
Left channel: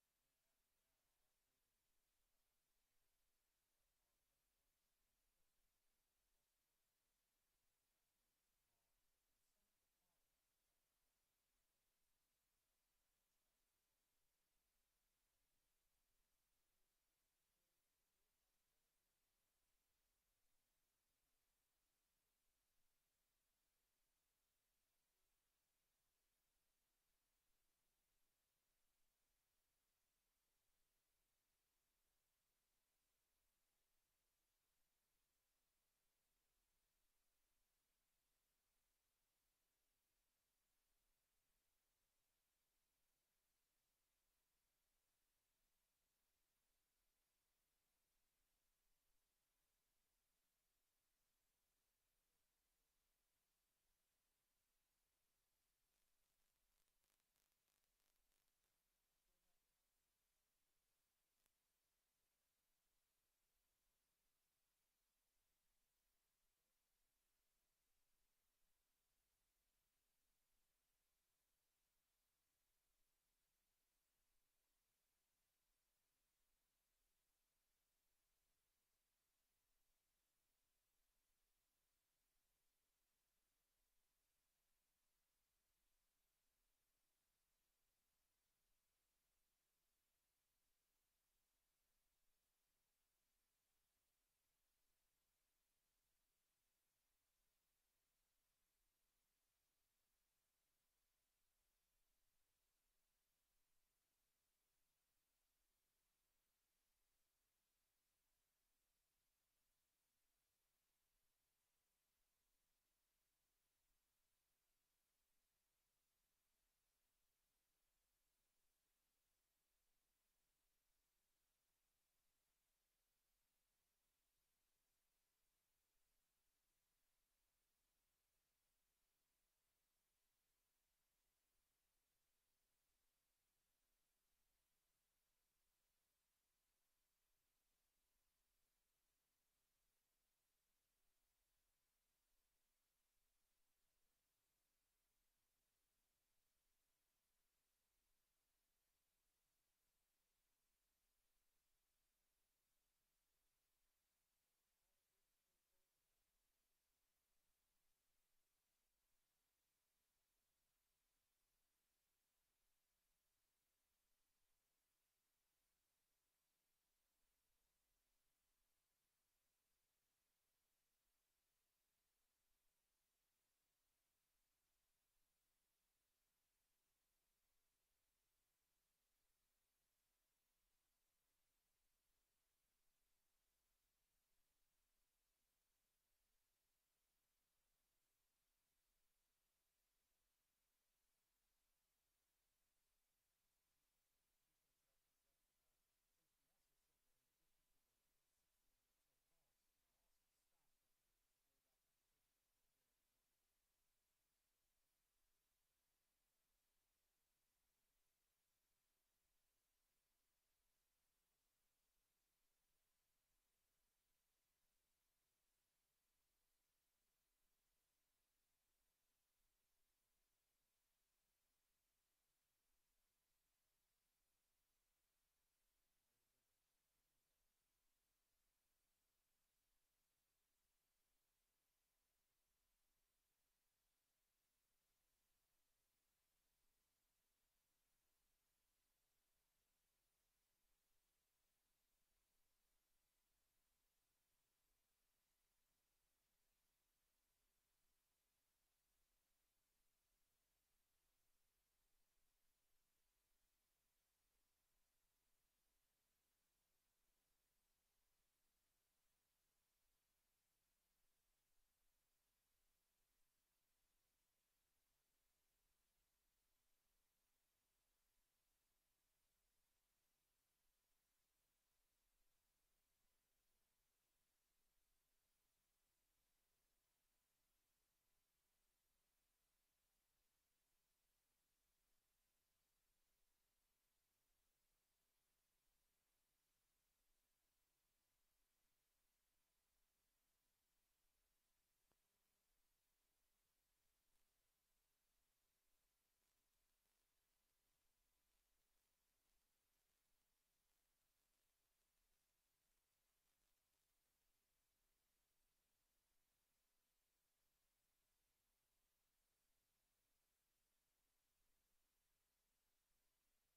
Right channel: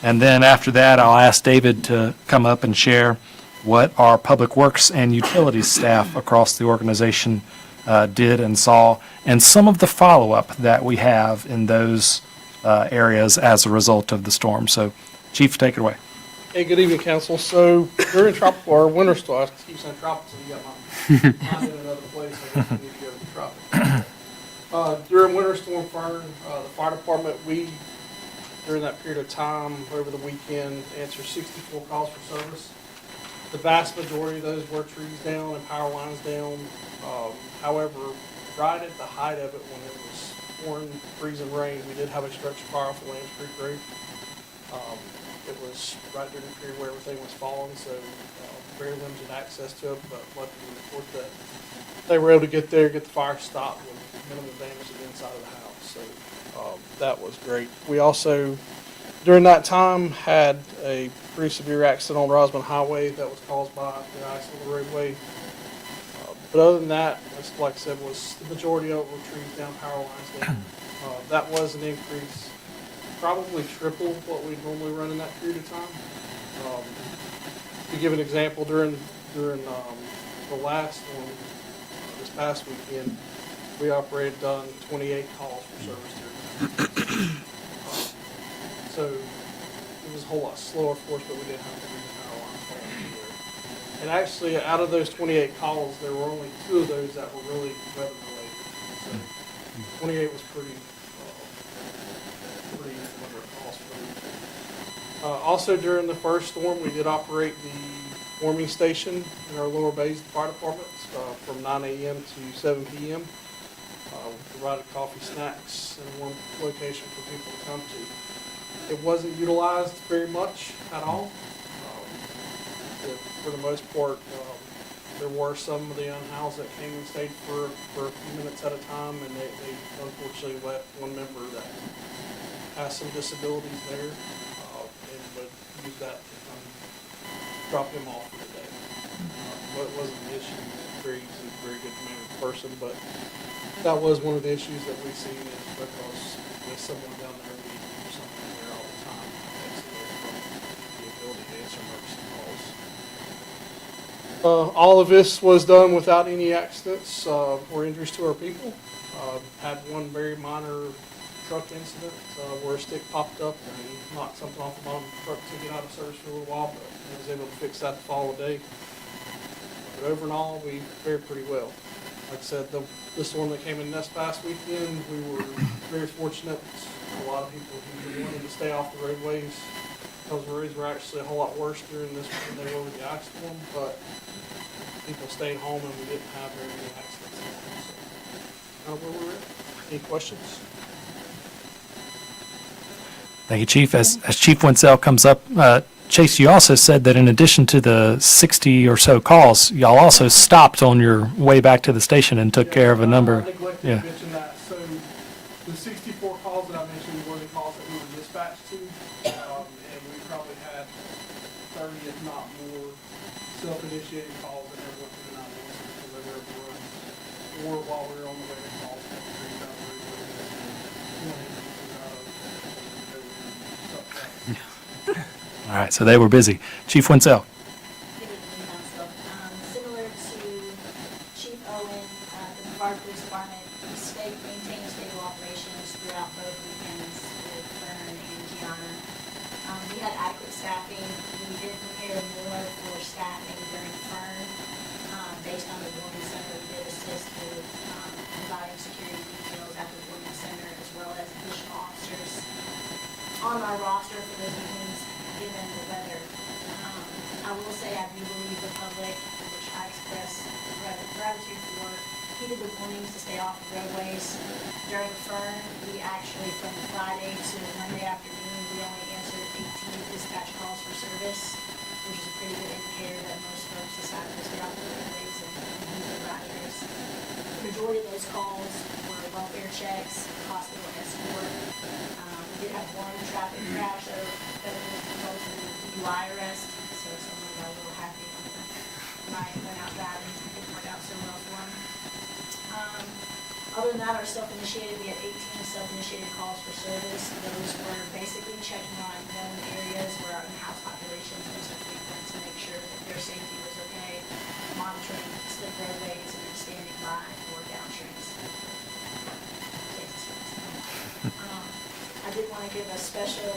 And then after that, I'll ask David to come up and share what our public works and utilities staff across the organization did and saw, and some of the follow-up that we have in those areas as a result of the storm. So, Chief, take it away. Hey, good evening, Council. So during tropical or winter storm, I keep saying tropical, so you got my mind in another place. I guess we need to go traffic. During Winter Storm Fern, the fire department, during that period of time, over the weekend, answered 64 calls for service. The vast majority of those were trees down and power lines down. However, right at the height of it, when it was pouring, freezing rain, we did have a structure fire off the Lambs Creek Road. It was right during the period where everything was falling, so very limited access to it, but luckily report that they were able to get there, get the fire stopped with minimal damage to the inside of the house. So that was great. We also, during that time, had a pretty severe accident on Rosman Highway that was caused by the ice on the roadway. But other than that, like I said, was the majority of it were trees down, power lines down. That was an increase, probably triple what we normally run in that period of time. To give an example, during the last one, this past weekend, we done 28 calls for service during that. So it was a whole lot slower for us, but we didn't have to read the power lines falling anywhere. And actually, out of those 28 calls, there were only 2 of those that were really weather related. So 28 was pretty number of calls for them. Also, during the first storm, we did operate the warming station in our Lower Bays Fire Department from 9 a.m. to 7 p.m. We provided coffee, snacks, and one location for people to come to. It wasn't utilized very much at all. For the most part, there were some of the unhoused that came and stayed for a few minutes at a time, and they unfortunately left one member that has some disabilities there, and would use that to come drop him off for the day. Well, it wasn't an issue. He was very easy, very good mannered person, but that was one of the issues that we've seen is because with someone down there, we do something there all the time. Takes away from the ability to answer emergency calls. All of this was done without any accidents or injuries to our people. Had one very minor truck incident where a stick popped up and knocked something off the bottom of the truck, took it out of service for a little while, but I was able to fix that the following day. But overall, we fared pretty well. Like I said, the storm that came in this past weekend, we were very fortunate. A lot of people who wanted to stay off the roadways, because the roads were actually a whole lot worse during this than they were with the ice storm, but people stayed home and we didn't have very many accidents. So, where we're at. Any questions? Thank you, Chief. As Chief Winsell comes up, Chase, you also said that in addition to the 60 or so calls, y'all also stopped on your way back to the station and took care of a number. I neglected to mention that. So the 64 calls that I mentioned were the calls that we were dispatched to, and we probably had 30, if not more, self-initiated calls that never went through the 911 system that were run, or while we were on the way to calls. All right, so they were busy. Chief Winsell. Good evening, Council. Similar to Chief Owen, the Brevard Police Department maintained stable operations throughout both weekends with Fern and Gianna. We had adequate staffing. We did prepare more for staffing during Fern. Based on the warning center, we did assist with providing security details at the warning center, as well as additional officers on our roster for those evenings, given the weather. I will say I do believe the public, which I express gratitude for, heeded the warnings to stay off the roadways. During Fern, we actually, from Friday to Monday afternoon, we only answered 18 dispatch calls for service, which is a pretty good indicator that most folks decided to stay off the roadways and use their riders. The majority of those calls were welfare checks, hospital escort. We did have one traffic crash that resulted in a DUI arrest, so someone got a little happy when the night went out driving. It didn't work out so well for them. Other than that, our self-initiated, we had 18 self-initiated calls for service. Those were basically checking on known areas where our in-house population was frequent to make sure that their safety was okay, monitoring slip roadways, and then standing by for downstreams. I did want to give a special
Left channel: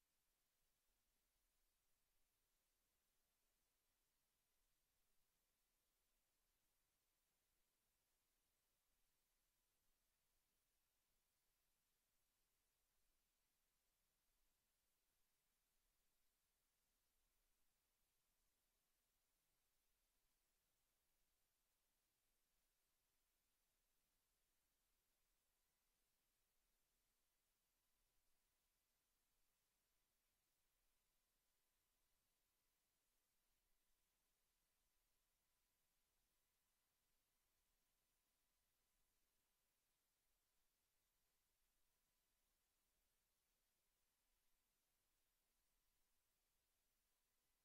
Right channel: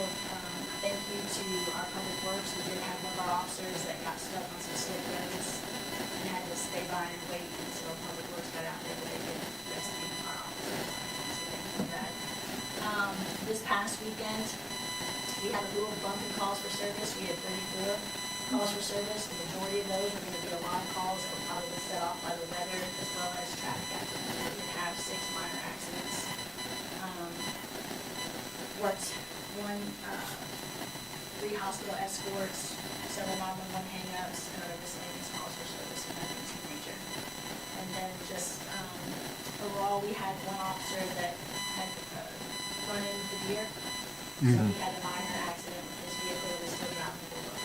thank you to our public works. We did have one of our officers that got stuck on some slip roads and had to stay by and wait until public works got out there, but they did a service. We had 34 calls for service. The majority of those were going to be alarm calls that were probably set off by the weather as well as traffic accidents. We did have 6 minor accidents. Worked 3 hospital escorts, several 911 hang-ups, and other miscellaneous calls for service, and nothing too major. And then just overall, we had 1 officer that had run into the deer. So he had a minor accident with his vehicle that was still driving the road.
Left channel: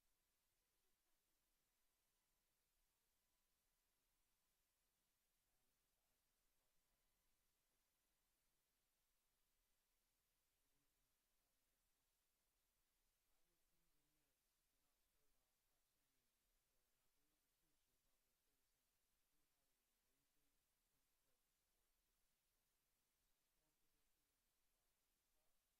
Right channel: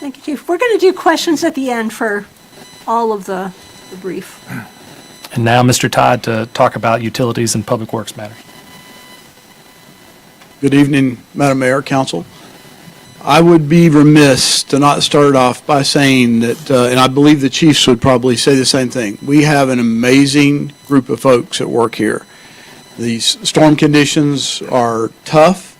Thank you, Chief. We're going to do questions at the end for all of the brief. And now, Mr. Todd, to talk about utilities and public works matters. Good evening, Madam Mayor, Council. I would be remiss to not start off by saying that, and I believe the chiefs would probably say the same thing, we have an amazing group of folks that work here. These storm conditions are tough,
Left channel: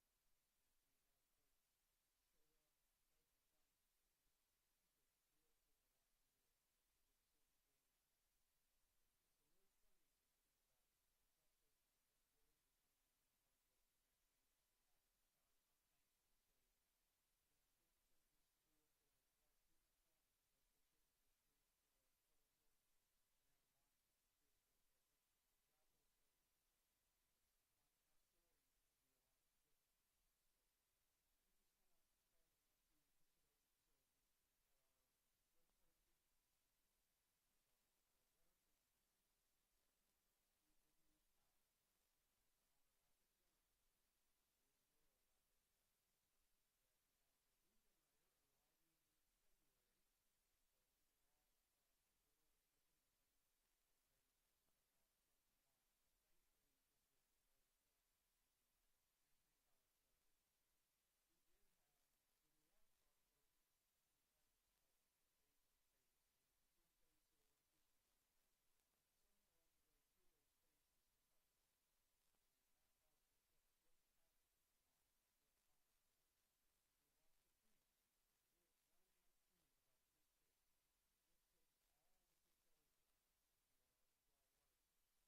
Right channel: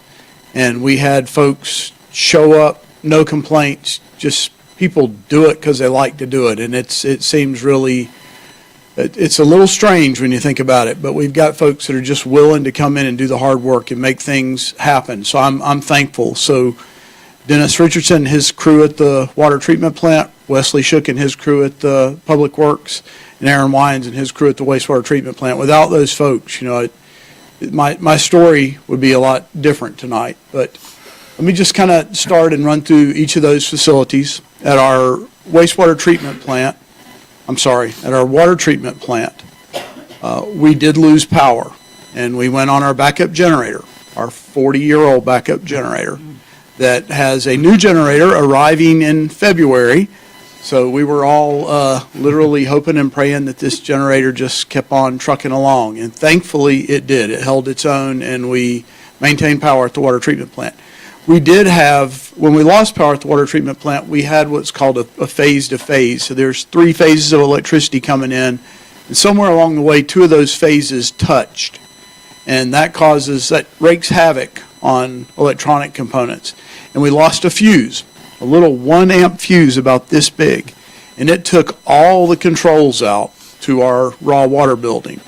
and we had folks show up, no complaints, just people do it because they like to do it, and it seems really, it's a little strange when you think about it, but we've got folks that are just willing to come in and do the hard work and make things happen, so I'm thankful. So Dennis Richardson and his crew at the water treatment plant, Wesley Shook and his crew at the Public Works, and Aaron Wines and his crew at the wastewater treatment plant. Without those folks, my story would be a lot different tonight. But let me just kind of start and run through each of those facilities. At our wastewater treatment plant, at our water treatment plant, we did lose power, and we went on our backup generator, our 40-year-old backup generator, that has a new generator arriving in February. So we were all literally hoping and praying that this generator just kept on trucking along. And thankfully it did. It held its own, and we maintained power at the water treatment plant. We did have, when we lost power at the water treatment plant, we had what's called a phase to phase. So there's 3 phases of electricity coming in. And somewhere along the way, 2 of those phases touched. And that wreaks havoc on electronic components. And we lost a fuse, a little 1 amp fuse about this big, and it took all the controls out to our raw water building.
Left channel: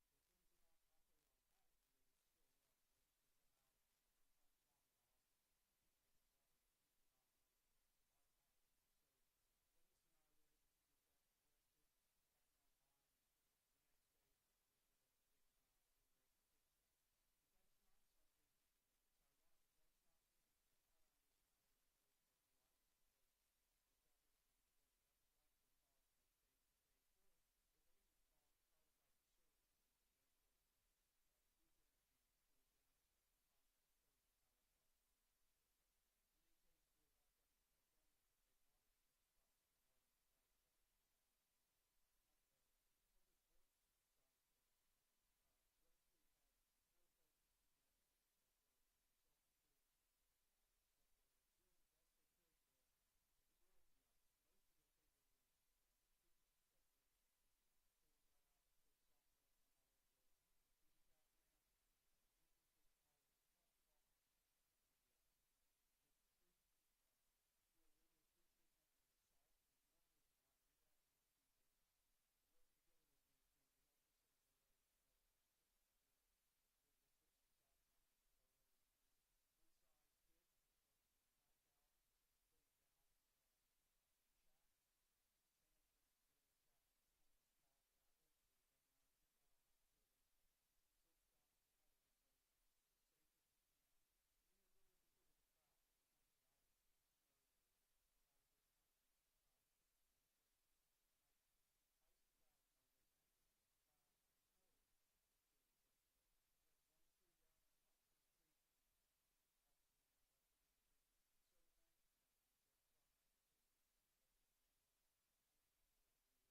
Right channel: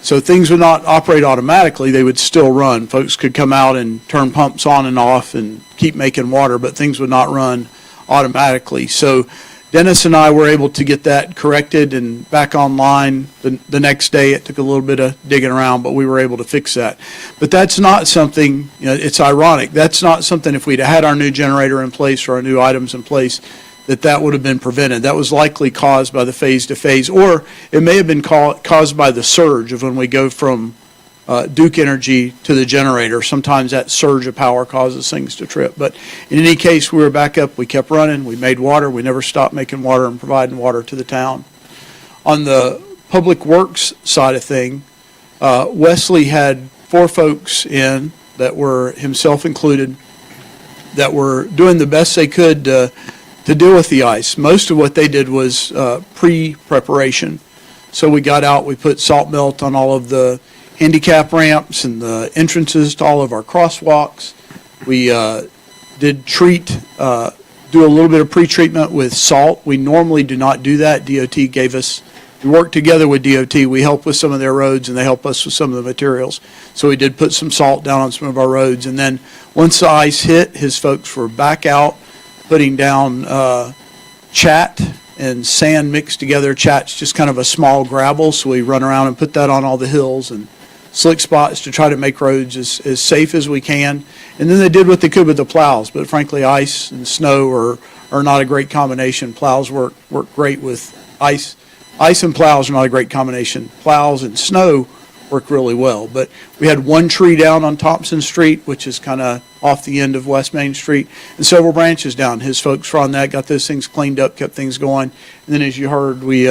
So things would not operate automatically, they would still run. Folks could come out and turn pumps on and off and keep making water, but things would not run automatically. So Dennis and I were able to get that corrected and back online the next day. It took a little bit of digging around, but we were able to fix that. But that's not something, it's ironic. That's not something, if we'd had our new generator in place or our new items in place, that would have been prevented. That was likely caused by the phase to phase, or it may have been caused by the surge of when we go from Duke Energy to the generator. Sometimes that surge of power causes things to trip. But in any case, we were back up. We kept running. We made water. We never stopped making water and providing water to the town. On the public works side of thing, Wesley had 4 folks in that were, himself included, that were doing the best they could to deal with the ice. Most of what they did was pre-preparation. So we got out, we put salt melt on all of the handicap ramps and the entrances to all of our crosswalks. We did do a little bit of pre-treatment with salt. We normally do not do that. DOT gave us, we worked together with DOT. We help with some of their roads, and they help us with some of the materials. So we did put some salt down on some of our roads. And then once the ice hit, his folks were back out putting down chat and sand mixed together. Chat's just kind of a small gravel, so we run around and put that on all the hills and slick spots to try to make roads as safe as we can. And then they did what they could with the plows, but frankly, ice and snow are not a great combination. Plows work great with ice. Ice and plows are not a great combination. Plows and snow work really well. But we had 1 tree down on Thompson Street, which is kind of off the end of West Main Street, and several branches down. His folks were on that, got those things cleaned up, kept things going. And then, as you heard, we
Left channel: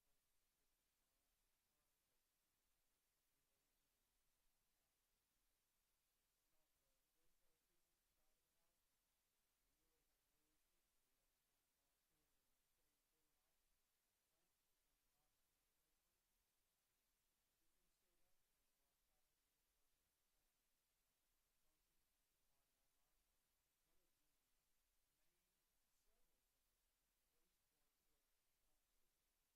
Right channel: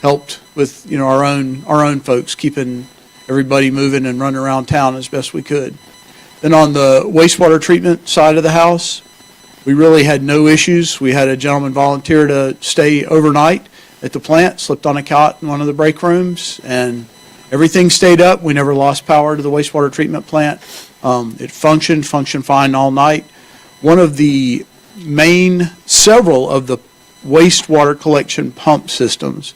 helped with our own folks, keeping everybody moving and running around town as best we could. Then on the wastewater treatment side of the house, we really had no issues. We had a gentleman volunteer to stay overnight at the plant, slipped on a cot in one of the break rooms, and everything stayed up. We never lost power to the wastewater treatment plant. It functioned fine all night. One of the several of the wastewater collection pump systems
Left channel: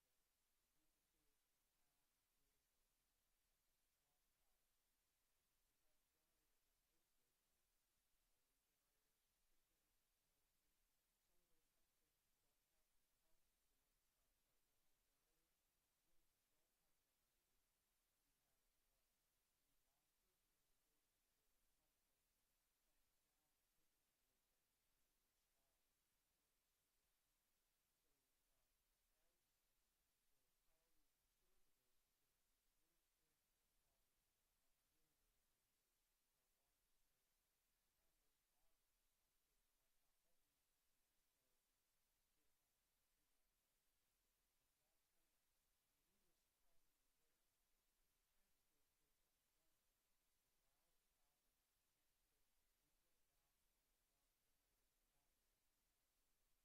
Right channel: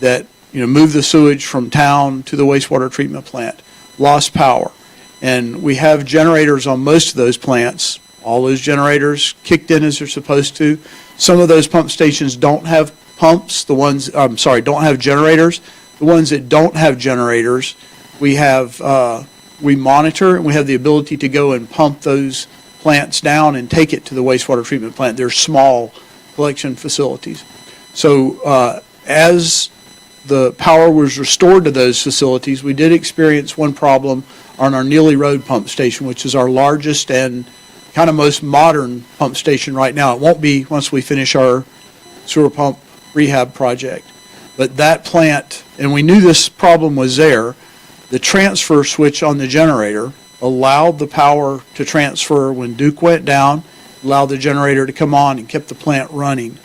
that move the sewage from town to the wastewater treatment plant lost power. And we have generators on most of those plants. All those generators kicked in as they're supposed to. Some of those pump stations don't have pumps, don't have generators. The ones that don't have generators, we monitor, and we have the ability to go and pump those plants down and take it to the wastewater treatment plant. They're small collection facilities. So as the power was restored to those facilities, we did experience one problem on our Neely Road pump station, which is our largest and kind of most modern pump station right now. It won't be once we finish our sewer pump rehab project. But that plant, and we knew this problem was there, the transfer switch on the generator allowed the power to transfer when Duke went down, allowed the generator to come on and kept the plant running.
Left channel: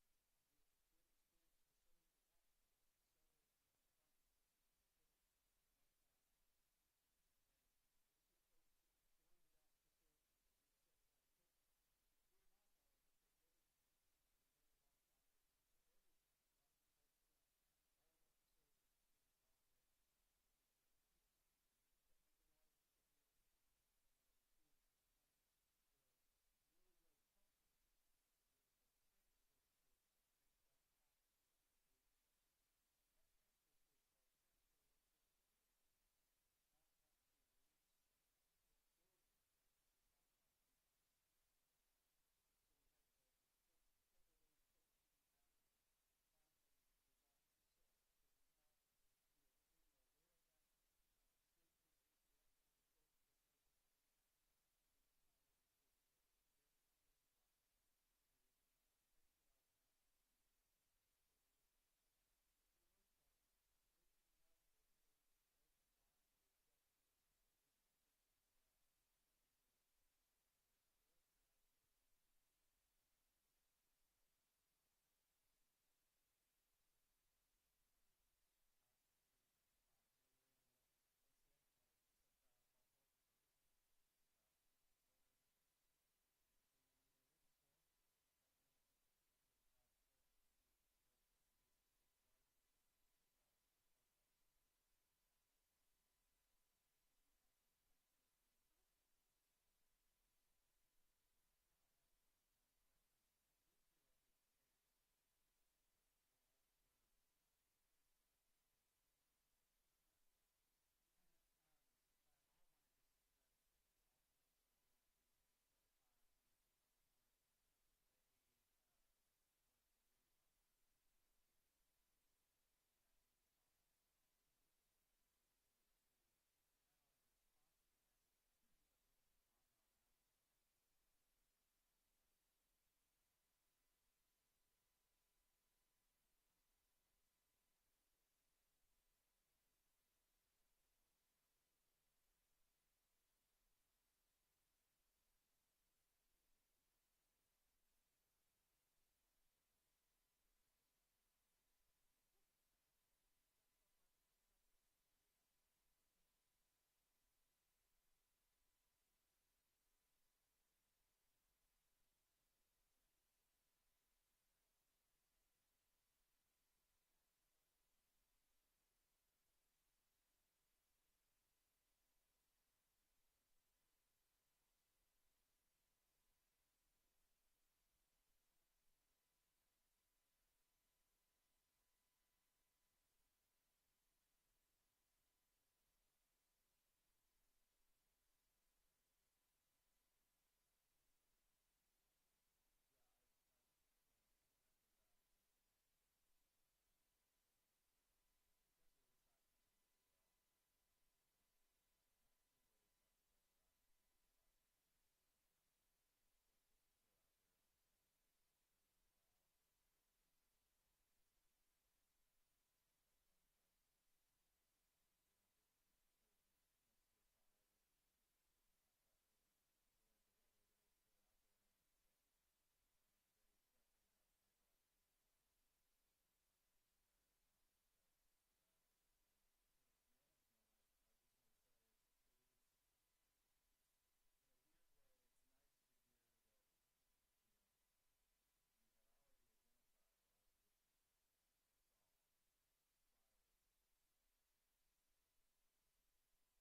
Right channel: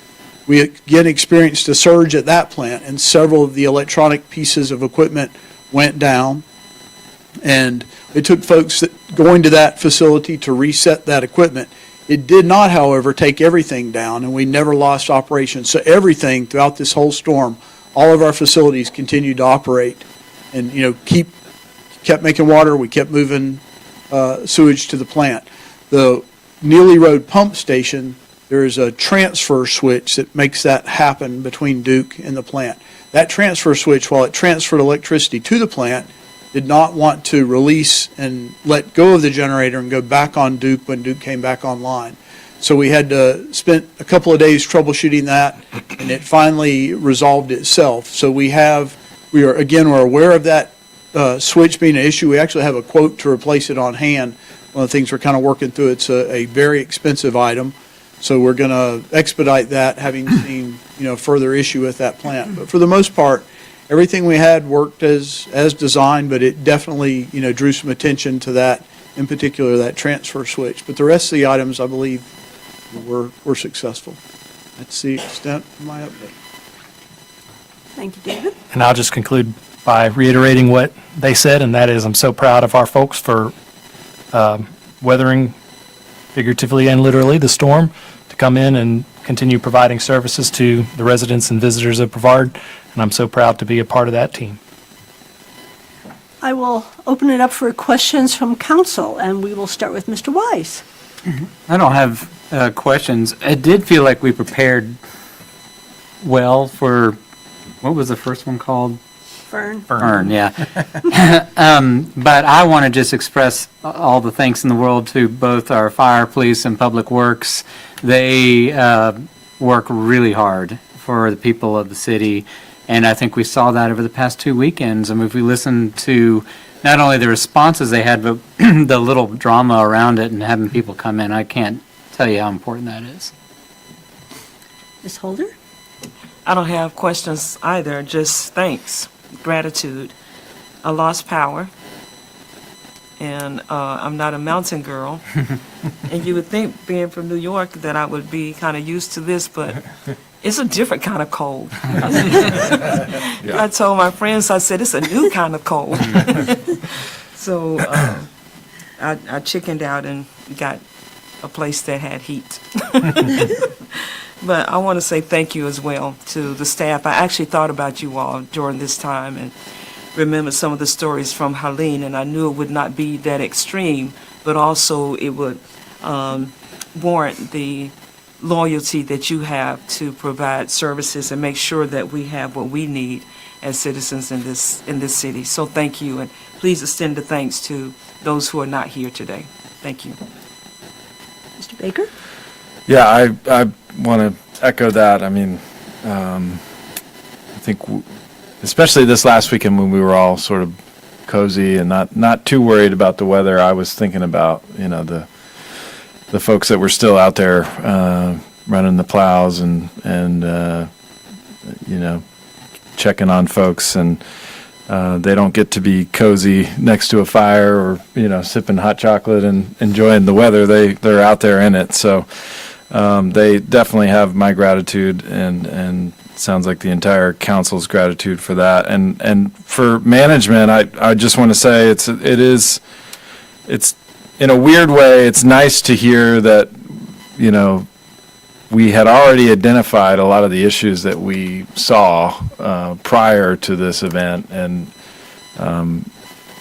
We again experienced a surge at that plant, and several of the electronic pieces of equipment went down. And it took folks going to that facility to reset that equipment. It did not, however, take everything down, and we never lost operations. So everything throughout this whole storm, all of our facilities continued to operate, and kept making water. We kept moving sewage to the plant. The Neely Road pump station, there is a transfer switch that makes that happen between Duke and the plant. That transfer switch, while it transferred electricity to the plant, did not want to release and let go of the generator and go back on Duke when Duke came back online. So we had to spend a couple of days troubleshooting that, and it finally resolved itself. So we're aware of that switch being an issue. We actually have a quote to replace it on hand. One of the things we're kind of working through, it's a very expensive item. So we're going to expedite that, having seen, further issue with that plant. But for the most part, everything we had worked as designed, but it definitely, drew some attention to that, in particular, that transfer switch. But the rest of the items, I believe, were successful. That's the extent of my update. Thank you, David. And I'll just conclude by reiterating what they said, and that is I'm so proud of our folks for weathering, figuratively and literally, the storm to come in and continue providing services to the residents and visitors of Brevard, and I'm so proud to be a part of that team. I will open it up for questions from council, and we will start with Mr. Wise. I don't have questions. It did feel like we prepared well for, what was the first one called? Fern, yeah. But I want to just express all the thanks in the world to both our fire, police, and public works. They work really hard for the people of the city, and I think we saw that over the past 2 weekends. I mean, if we listen to not only the responses they had, but the little drama around it and having people come in, I can't tell you how important that is. Ms. Holder? I don't have questions either, just thanks, gratitude. I lost power, and I'm not a mountain girl. And you would think, being from New York, that I would be kind of used to this, but it's a different kind of cold. I told my friends, I said, it's a new kind of cold. So I chickened out and got a place that had heat. But I want to say thank you as well to the staff. I actually thought about you all during this time and remembered some of the stories from Helene, and I knew it would not be that extreme, but also it would warrant the loyalty that you have to provide services and make sure that we have what we need as citizens in this city. So thank you, and please extend the thanks to those who are not here today. Thank you. Mr. Baker? Yeah, I want to echo that. I mean, I think especially this last weekend when we were all sort of cozy and not too worried about the weather, I was thinking about, the folks that were still out there running the plows and checking on folks, and they don't get to be cozy next to a fire or sipping hot chocolate and enjoying the weather. They're out there in it, so they definitely have my gratitude, and sounds like the entire council's gratitude for that. And for management, I just want to say it's in a weird way, it's nice to hear that, we had already identified a lot of the issues that we saw prior to this event, and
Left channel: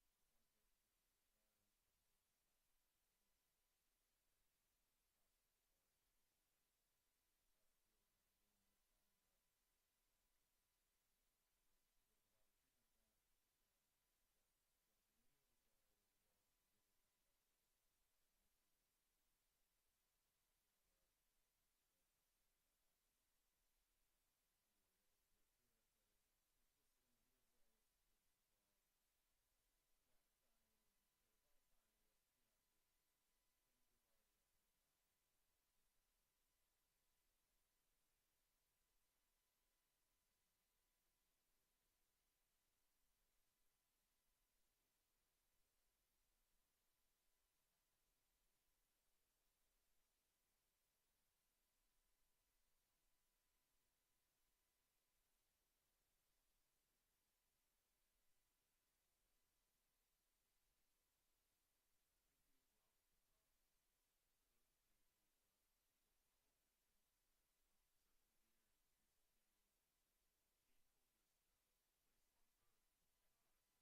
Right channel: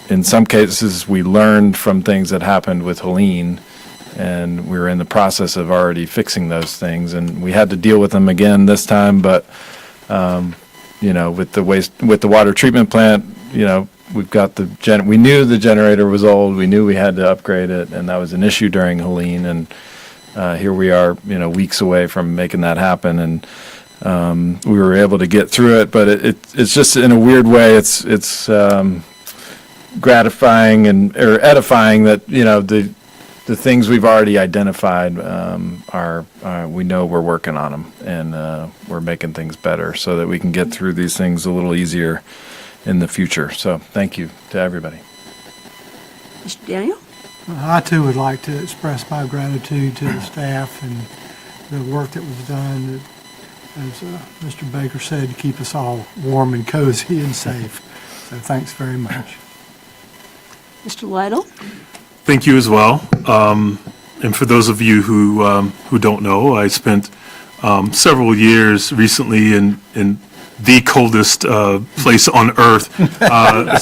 in some cases, we learned from things that happened with Helene, and we were in the process of already fixing those things, and we had to deal with them again this time. But with the water treatment plant, we've got we knew the generator was old. We knew we had to upgrade it, and that was an issue during Helene. And here we are, weeks away from making that happen, and we were able to get through it. But it's just in a weird way, it's gratifying or edifying that the things we've already identified are we know we're working on them, and we're making things better so that we can get through these things a little easier in the future. So thank you to everybody. Mr. Daniel? I too would like to express my gratitude to the staff and the work that was done, as Mr. Baker said, to keep us all warm and cozy and safe. So thanks very much. Mr. Lytle? Thank you as well. And for those of you who don't know, I spent several years recently in the coldest place on earth,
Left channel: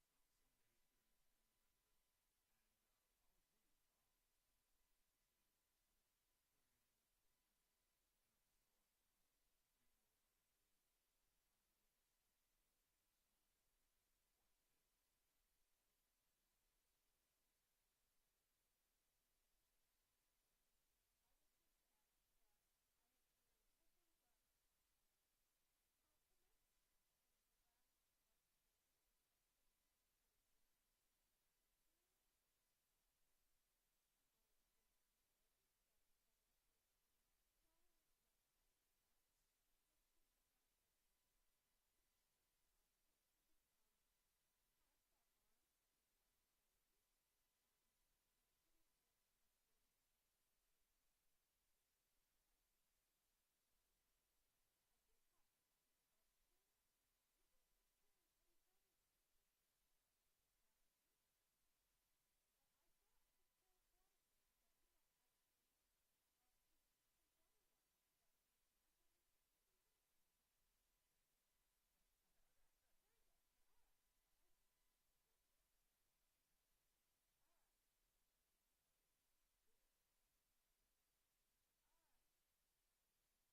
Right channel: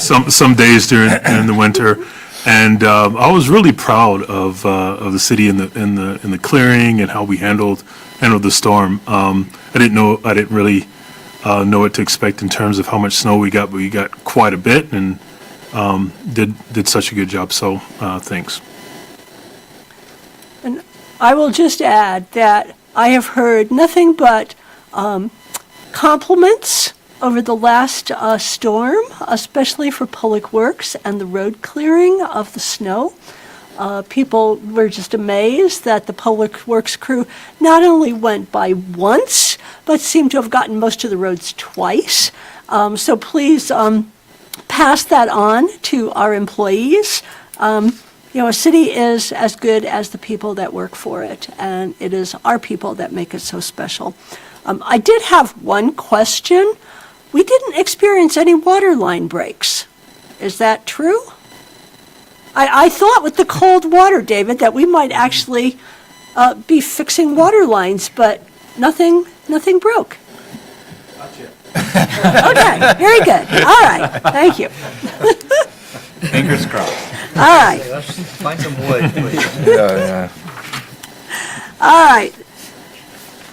some days during the winter. And I was really proud of the city in the clearing and how we handled the storm. I didn't really know what to expect in terms of how much snow we got, but we got quite a bit, and did such a good job. So thanks. And I will just add that I have heard nothing but compliments over the last storm, especially for Public Works and the road clearing of the snow. People were just amazed that the Public Works crew not only went by once, but seemed to have gotten most of the roads twice. So please pass that on to our employees. A city is as good as the people that work for it, and it is our people that make it so special. I did have one question. We didn't experience any water line breaks. Is that true? I thought with the cold water, David, that we might actually be fixing water lines, but nothing broke. Okay, very good. All right, thank you. Fingers crossed. All right. Let's find some wood, please. Yeah. All right.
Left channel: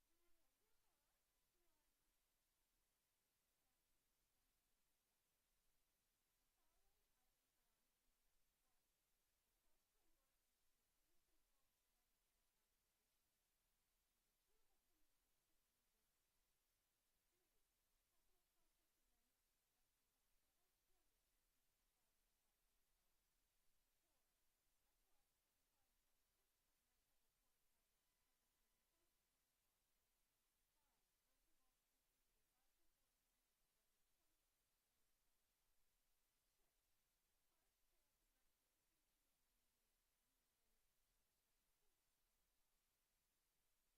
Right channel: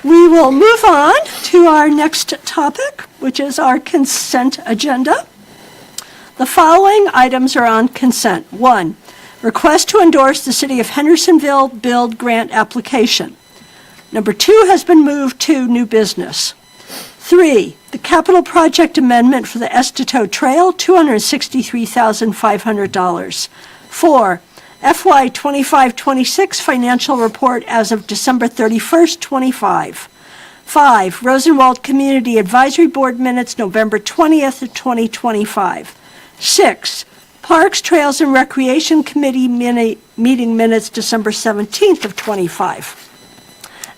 We will move on to our next topic, which is our consent agenda. The following items are on consent. 1, request to endorse the City of Hendersonville Build Grant application. Number 2 has been moved to new business. 3, the capital project amendment for the Estito Trail, $263,500. 4, FY 25-26 financial report as of December 31st, 25. 5, Rosenwald Community Advisory Board minutes, November 20th of 2025. 6, Parks, Trails, and Recreation Committee meeting minutes, December 17th of 25.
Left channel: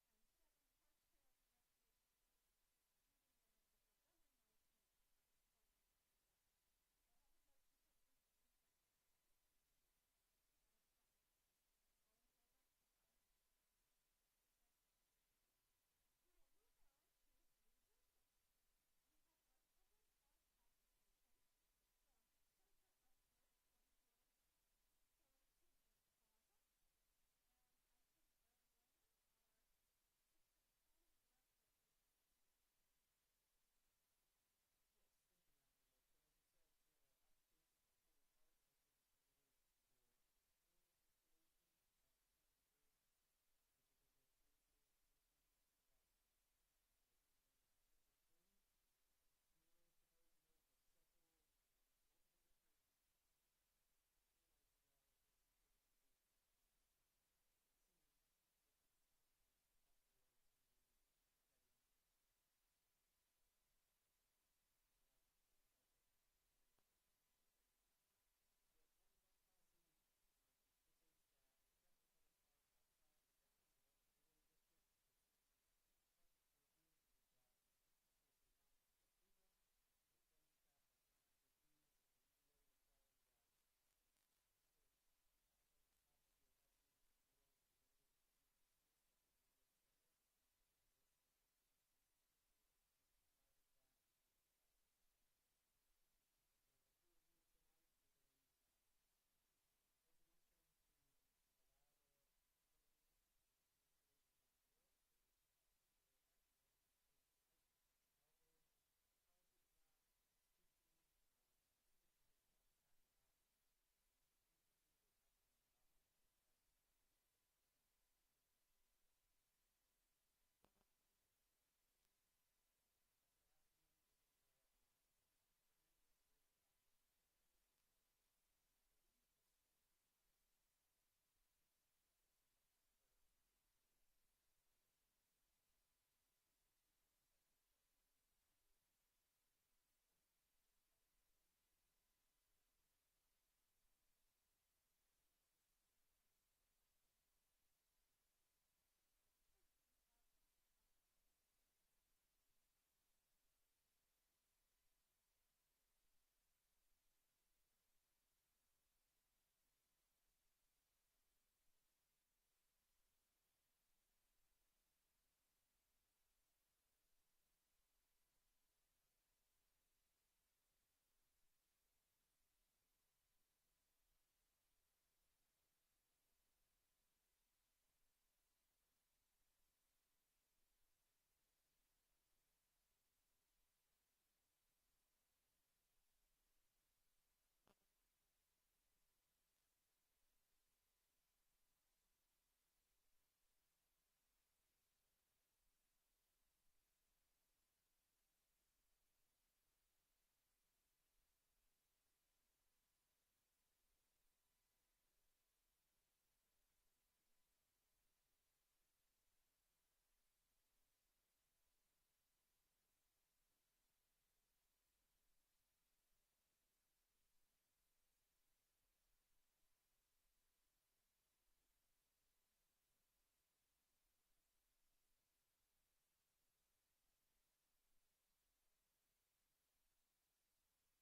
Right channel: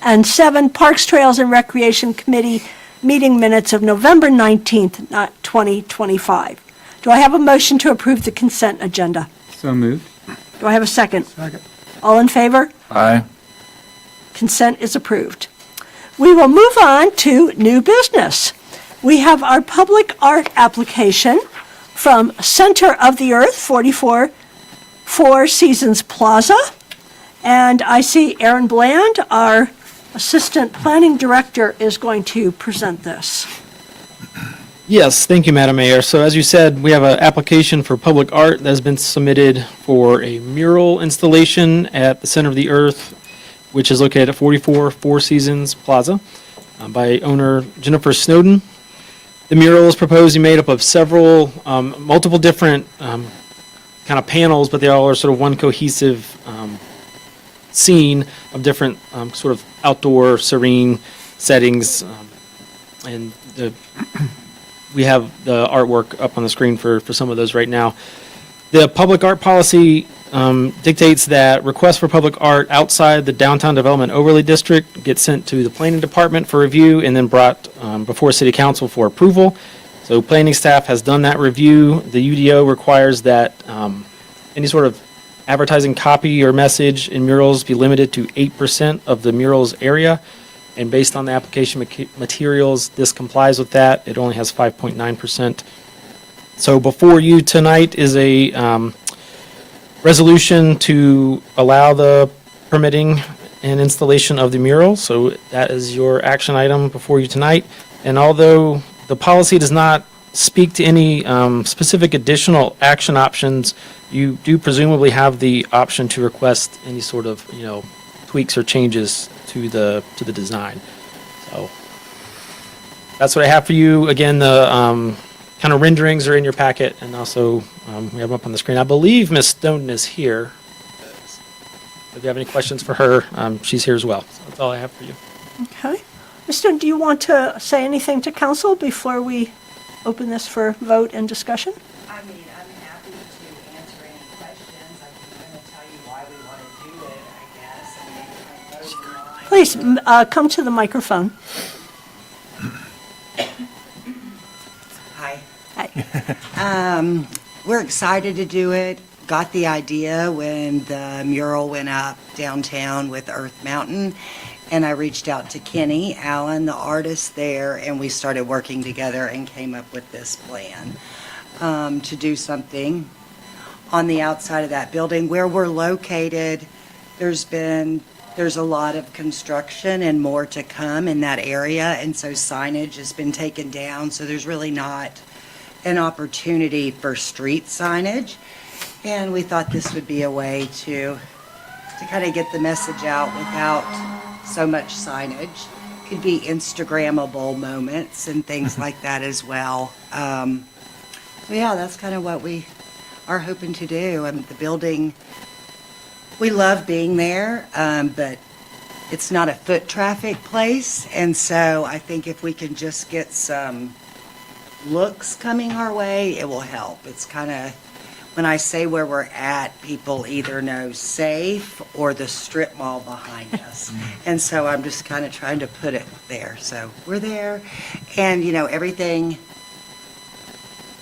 And 7, Parks, Trails, and Recreation Committee meeting minutes of November 19th, 2025. Do I have a motion to approve the consent agenda? So moved. Do I have a second? Second. All in favor? Aye. Consent is approved. We will move on to new business. We have our public art application from Center of the Earth, 44 Four Seasons Plaza. And I see Aaron Bland, our Assistant Planning Director, is going to present this. Yes, thank you, Madam Mayor. So as you said, we have an application for public art that has been submitted for a mural installation at the Center of the Earth, which is located at 44 Four Seasons Plaza, by owner Jennifer Snowden. The mural is proposed to be made up of several, multiple different kind of panels, but they all are sort of one cohesive scene of different sort of outdoor serene settings, and we have the artwork up on the screen for some of those right now. The public art policy dictates that requests for public art outside the downtown development overlay district get sent to the planning department for review and then brought before city council for approval. So planning staff has done that review. The UDO requires that any sort of advertising copy or message in murals be limited to 8% of the mural's area. And based on the application materials, this complies with that. It only has 5.9%. So before you tonight is a resolution to allow the permitting and installation of the mural. So that is your action item before you tonight. And although the policy does not speak to any specific additional action options, you do presumably have the option to request any sort of, tweaks or changes to the design. So that's what I have for you. Again, the kind of renderings are in your packet, and also we have them up on the screen. I believe Ms. Stone is here. If you have any questions for her, she's here as well. So that's all I have for you. Okay. Ms. Stone, do you want to say anything to council before we open this for vote and discussion? I mean, I'm happy to answer any questions. I'm going to tell you why we want to do it, I guess. I mean, Please come to the microphone. Hi. Hi. We're excited to do it. Got the idea when the mural went up downtown with Earth Mountain. And I reached out to Kenny Allen, the artist there, and we started working together and came up with this plan to do something on the outside of that building. Where we're located, there's a lot of construction and more to come in that area, and so signage has been taken down, so there's really not an opportunity for street signage. And we thought this would be a way to kind of get the message out without so much signage. Could be Instagrammable moments and things like that as well. So yeah, that's kind of what we are hoping to do. The building, we love being there, but it's not a foot traffic place. And so I think if we can just get some looks coming our way, it will help. It's kind of, when I say where we're at, people either know safe or the strip mall behind us. And so I'm just kind of trying to put it there. So we're there. And, everything,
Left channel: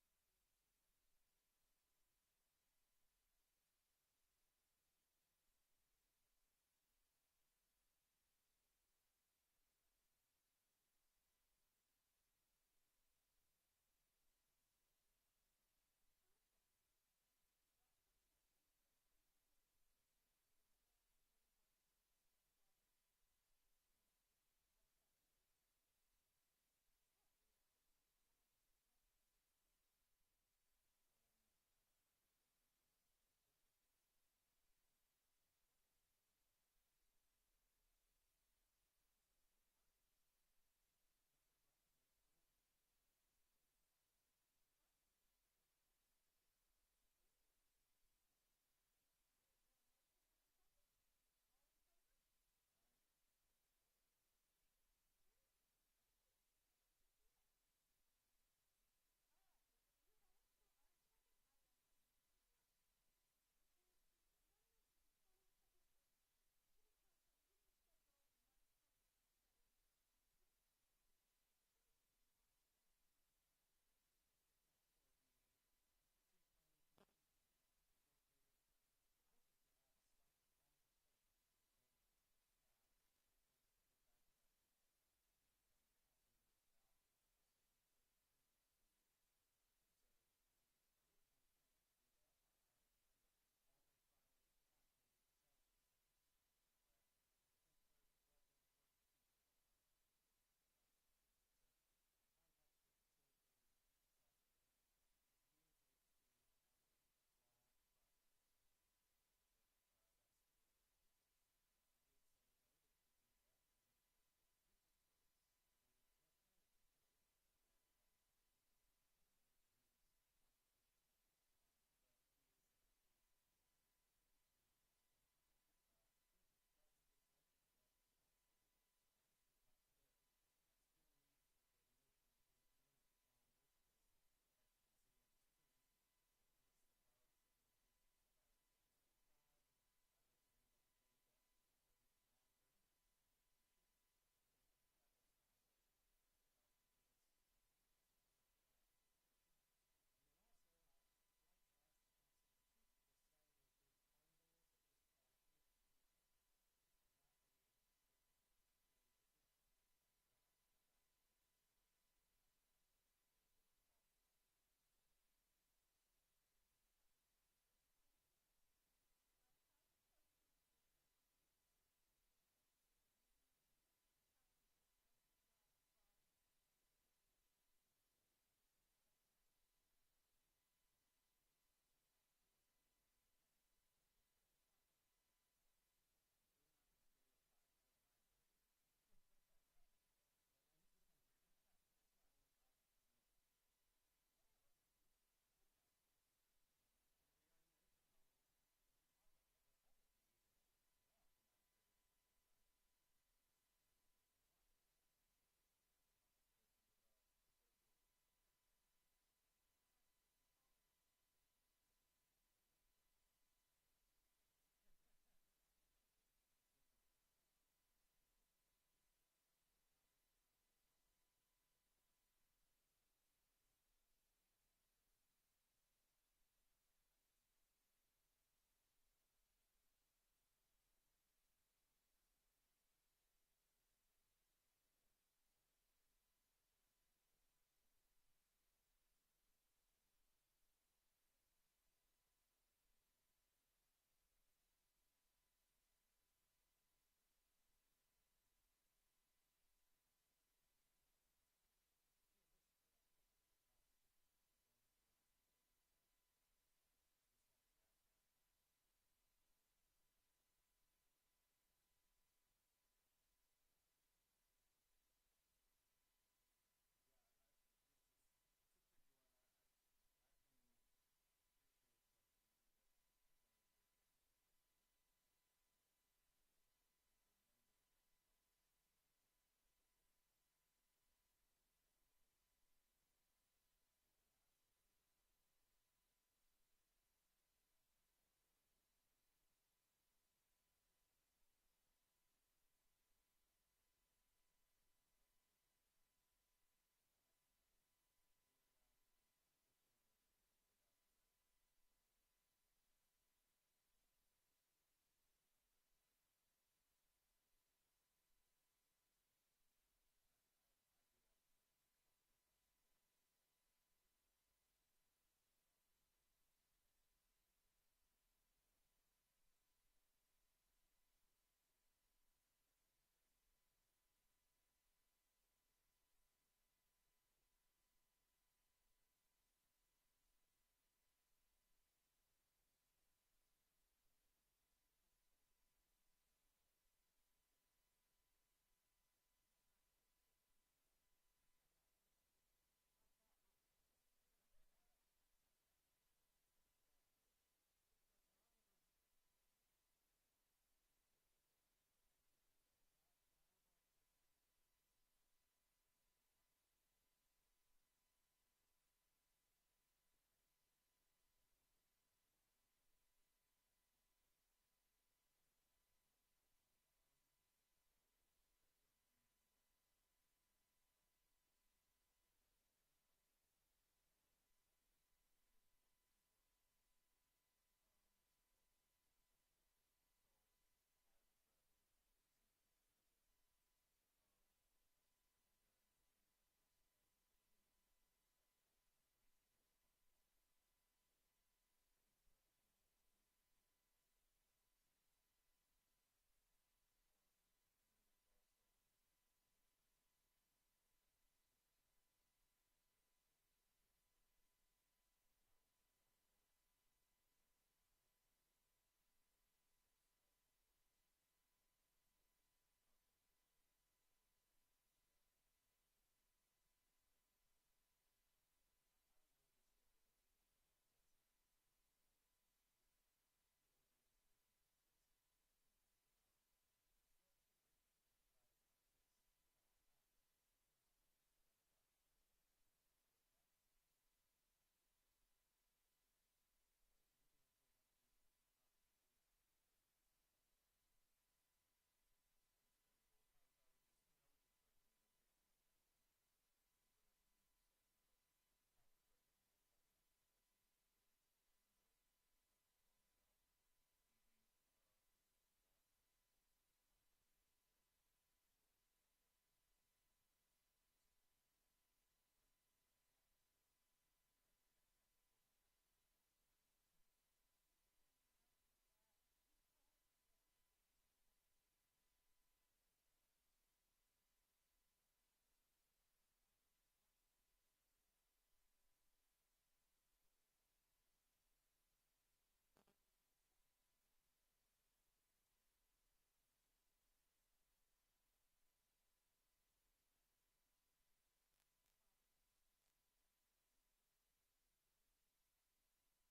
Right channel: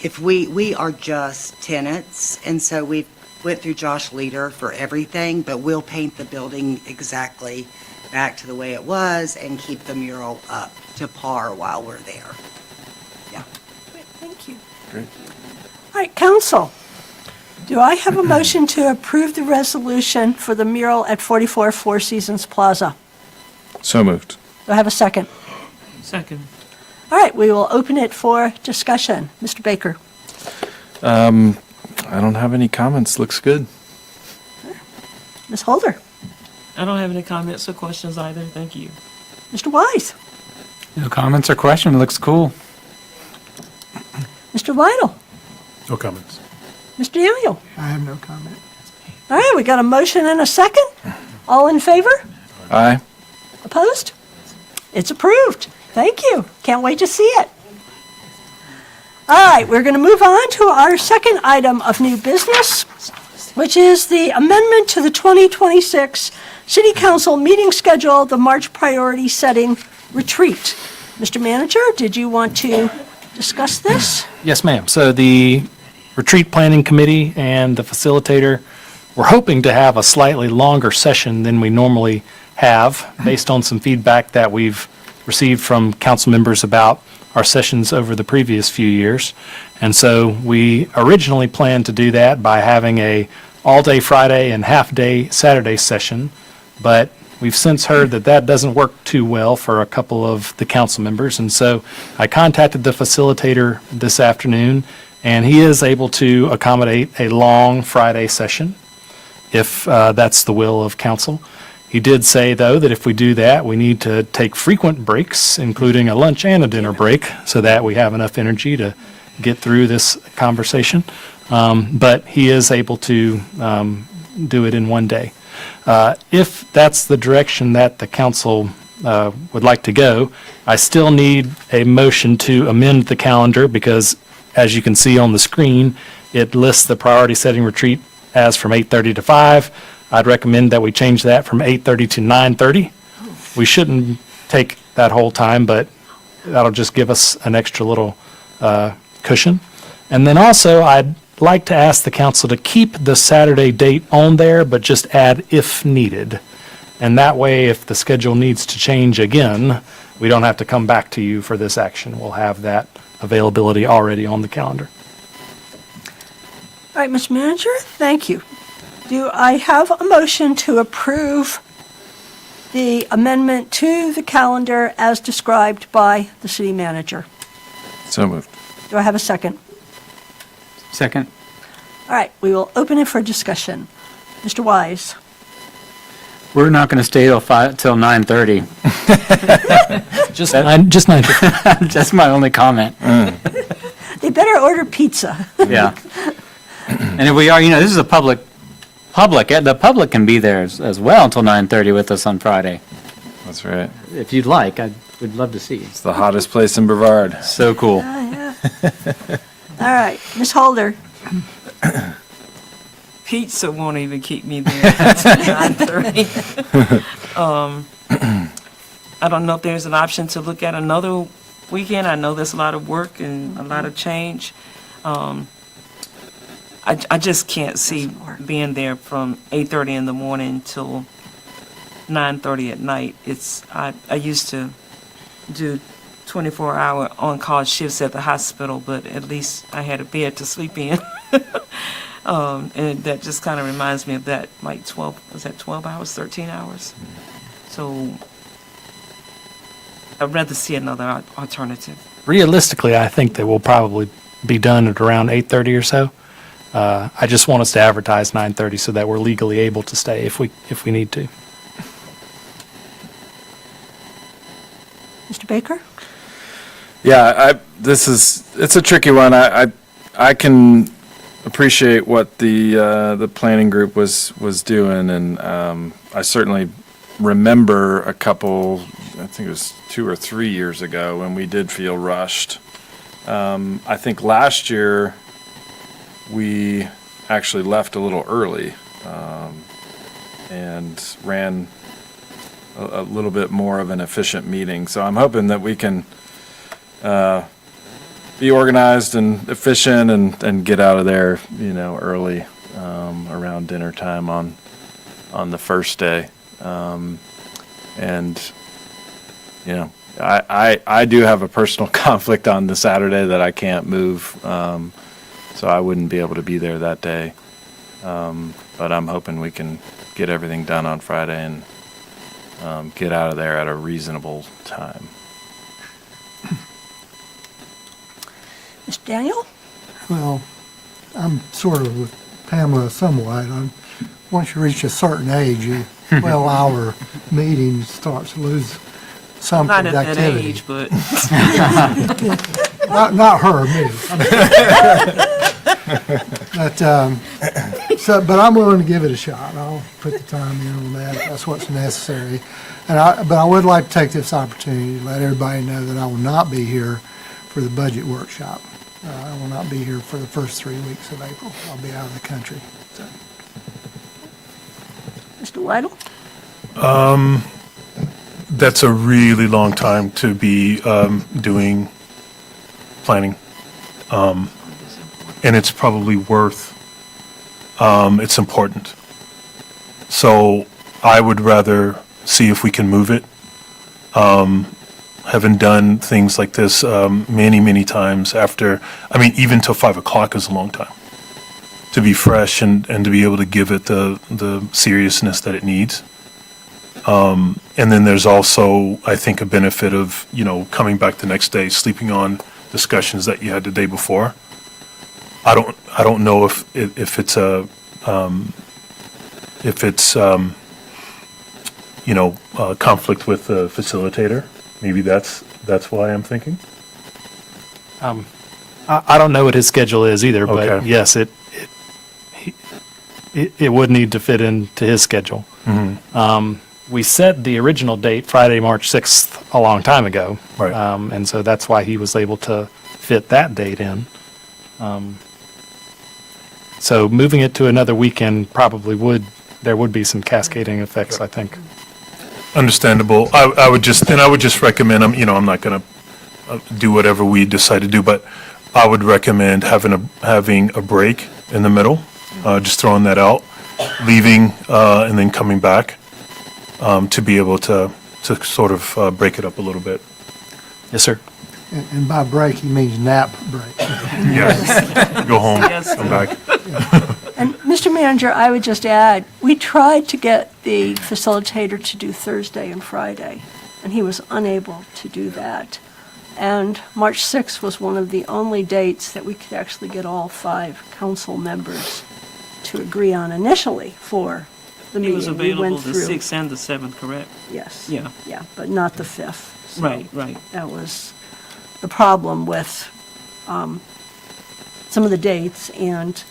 if we are just tenants, and so we went through Josh Leader for everything, but we'll paint the building exactly back to the way it was and keep the mural up to par while we're there. Yeah. Great, thank you. Great. All right, council. Do I have a motion to approve the resolution for the mural at 44 Four Seasons Plaza? So moved. Do I have a second? Second. All right, we will open it for discussion. Mr. Baker? I don't have any comments. Looks good. Ms. Holder? I don't have any comments or questions either. Thank you. Mr. Wise? No comments or questions. Looks cool. Mr. Lytle? No comments. Mr. Daniel? I have no comment. All right, we got a motion and a second. All in favor? Aye. Opposed? It's approved. Thank you. Can't wait to see it. All right, we're going to move on to our second item of new business, which is the amendment to the 2026 City Council meeting schedule, the March priority setting retreat. Mr. Manager, did you want to discuss this? Yes, ma'am. So the Retreat Planning Committee and the facilitator, we're hoping to have a slightly longer session than we normally have, based on some feedback that we've received from council members about our sessions over the previous few years. And so we originally planned to do that by having a all-day Friday and half-day Saturday session, but we've since heard that that doesn't work too well for a couple of the council members. And so I contacted the facilitator this afternoon, and he is able to accommodate a long Friday session if that's the will of council. He did say, though, that if we do that, we need to take frequent breaks, including a lunch and a dinner break, so that we have enough energy to get through this conversation. But he is able to do it in one day. If that's the direction that the council would like to go, I still need a motion to amend the calendar because, as you can see on the screen, it lists the priority setting retreat as from 8:30 to 5. I'd recommend that we change that from 8:30 to 9:30. We shouldn't take that whole time, but that'll just give us an extra little cushion. And then also, I'd like to ask the council to keep the Saturday date on there, but just add if needed. And that way, if the schedule needs to change again, we don't have to come back to you for this action. We'll have that availability already on the calendar. All right, Mr. Manager, thank you. Do I have a motion to approve the amendment to the calendar as described by the city manager? So moved. Do I have a second? Second. All right, we will open it for discussion. Mr. Wise? We're not going to stay till 9:30. Just 9. That's my only comment. They better order pizza. Yeah. And if we are, this is a public, the public can be there as well until 9:30 with us on Friday. That's right. If you'd like, I would love to see you. It's the hottest place in Brevard. So cool. Yeah. All right, Ms. Holder? Pizza won't even keep me there until 9:30. I don't know if there's an option to look at another weekend. I know there's a lot of work and a lot of change. I just can't see being there from 8:30 in the morning till 9:30 at night. I used to do 24-hour on-call shifts at the hospital, but at least I had a bed to sleep in. And that just kind of reminds me of that, like 12 hours, 13 hours? So I'd rather see another alternative. Realistically, I think that we'll probably be done at around 8:30 or so. I just want us to advertise 9:30 so that we're legally able to stay if we need to. Mr. Baker? Yeah, it's a tricky one. I can appreciate what the planning group was doing, and I certainly remember a couple, I think it was 2 or 3 years ago, when we did feel rushed. I think last year we actually left a little early and ran a little bit more of an efficient meeting. So I'm hoping that we can be organized and efficient and get out of there, early, around dinner time on the first day. I do have a personal conflict on the Saturday that I can't move, so I wouldn't be able to be there that day. But I'm hoping we can get everything done on Friday and get out of there at a reasonable time. Mr. Daniel? Well, I'm sort of with Pamela somewhat. Once you reach a certain age, 12-hour meeting starts to lose some Not at that productivity. age, but. Not her, me. But I'm willing to give it a shot. I'll put the time in on that. That's what's necessary. But I would like to take this opportunity to let everybody know that I will not be here for the budget workshop. I will not be here for the first 3 weeks of April. I'll be out of the country. So. Mr. Weidel? That's a really long time to be doing planning. And it's probably it's important. So I would rather see if we can move it. Having done things like this many, many times even till 5 o'clock is a long time to be fresh and to be able to give it the seriousness that it needs. And then there's also, I think, a benefit of, coming back the next day, sleeping on discussions that you had the day before. I don't know if it's a conflict with the facilitator. Maybe that's why I'm thinking. I don't know what his schedule is either, but Okay. yes, it would need to fit into his schedule. Mm-hmm. We set the original date, Friday, March 6th, a long time ago. Right. And so that's why he was able to fit that date in. So moving it to another weekend there would be some cascading effects, I think. Understandable. I would just recommend, I'm not going to do whatever we decide to do, but I would recommend having a break in the middle, just throwing that out, leaving and then coming back to be able to sort of break it up a little bit. Yes, sir. And by break, he means nap break. Yes, go home, Yes. come back. And Mr. Manager, I would just add, we tried to get the facilitator to do Thursday and Friday, and he was unable to do that. And March 6th was one of the only dates that we could actually get all 5 council members to agree on initially for the He meeting. was We available went the through. 6th and the 7th, correct? Yes. Yeah. Yeah, but not the 5th. So Right, right. That was the problem with some of the dates, and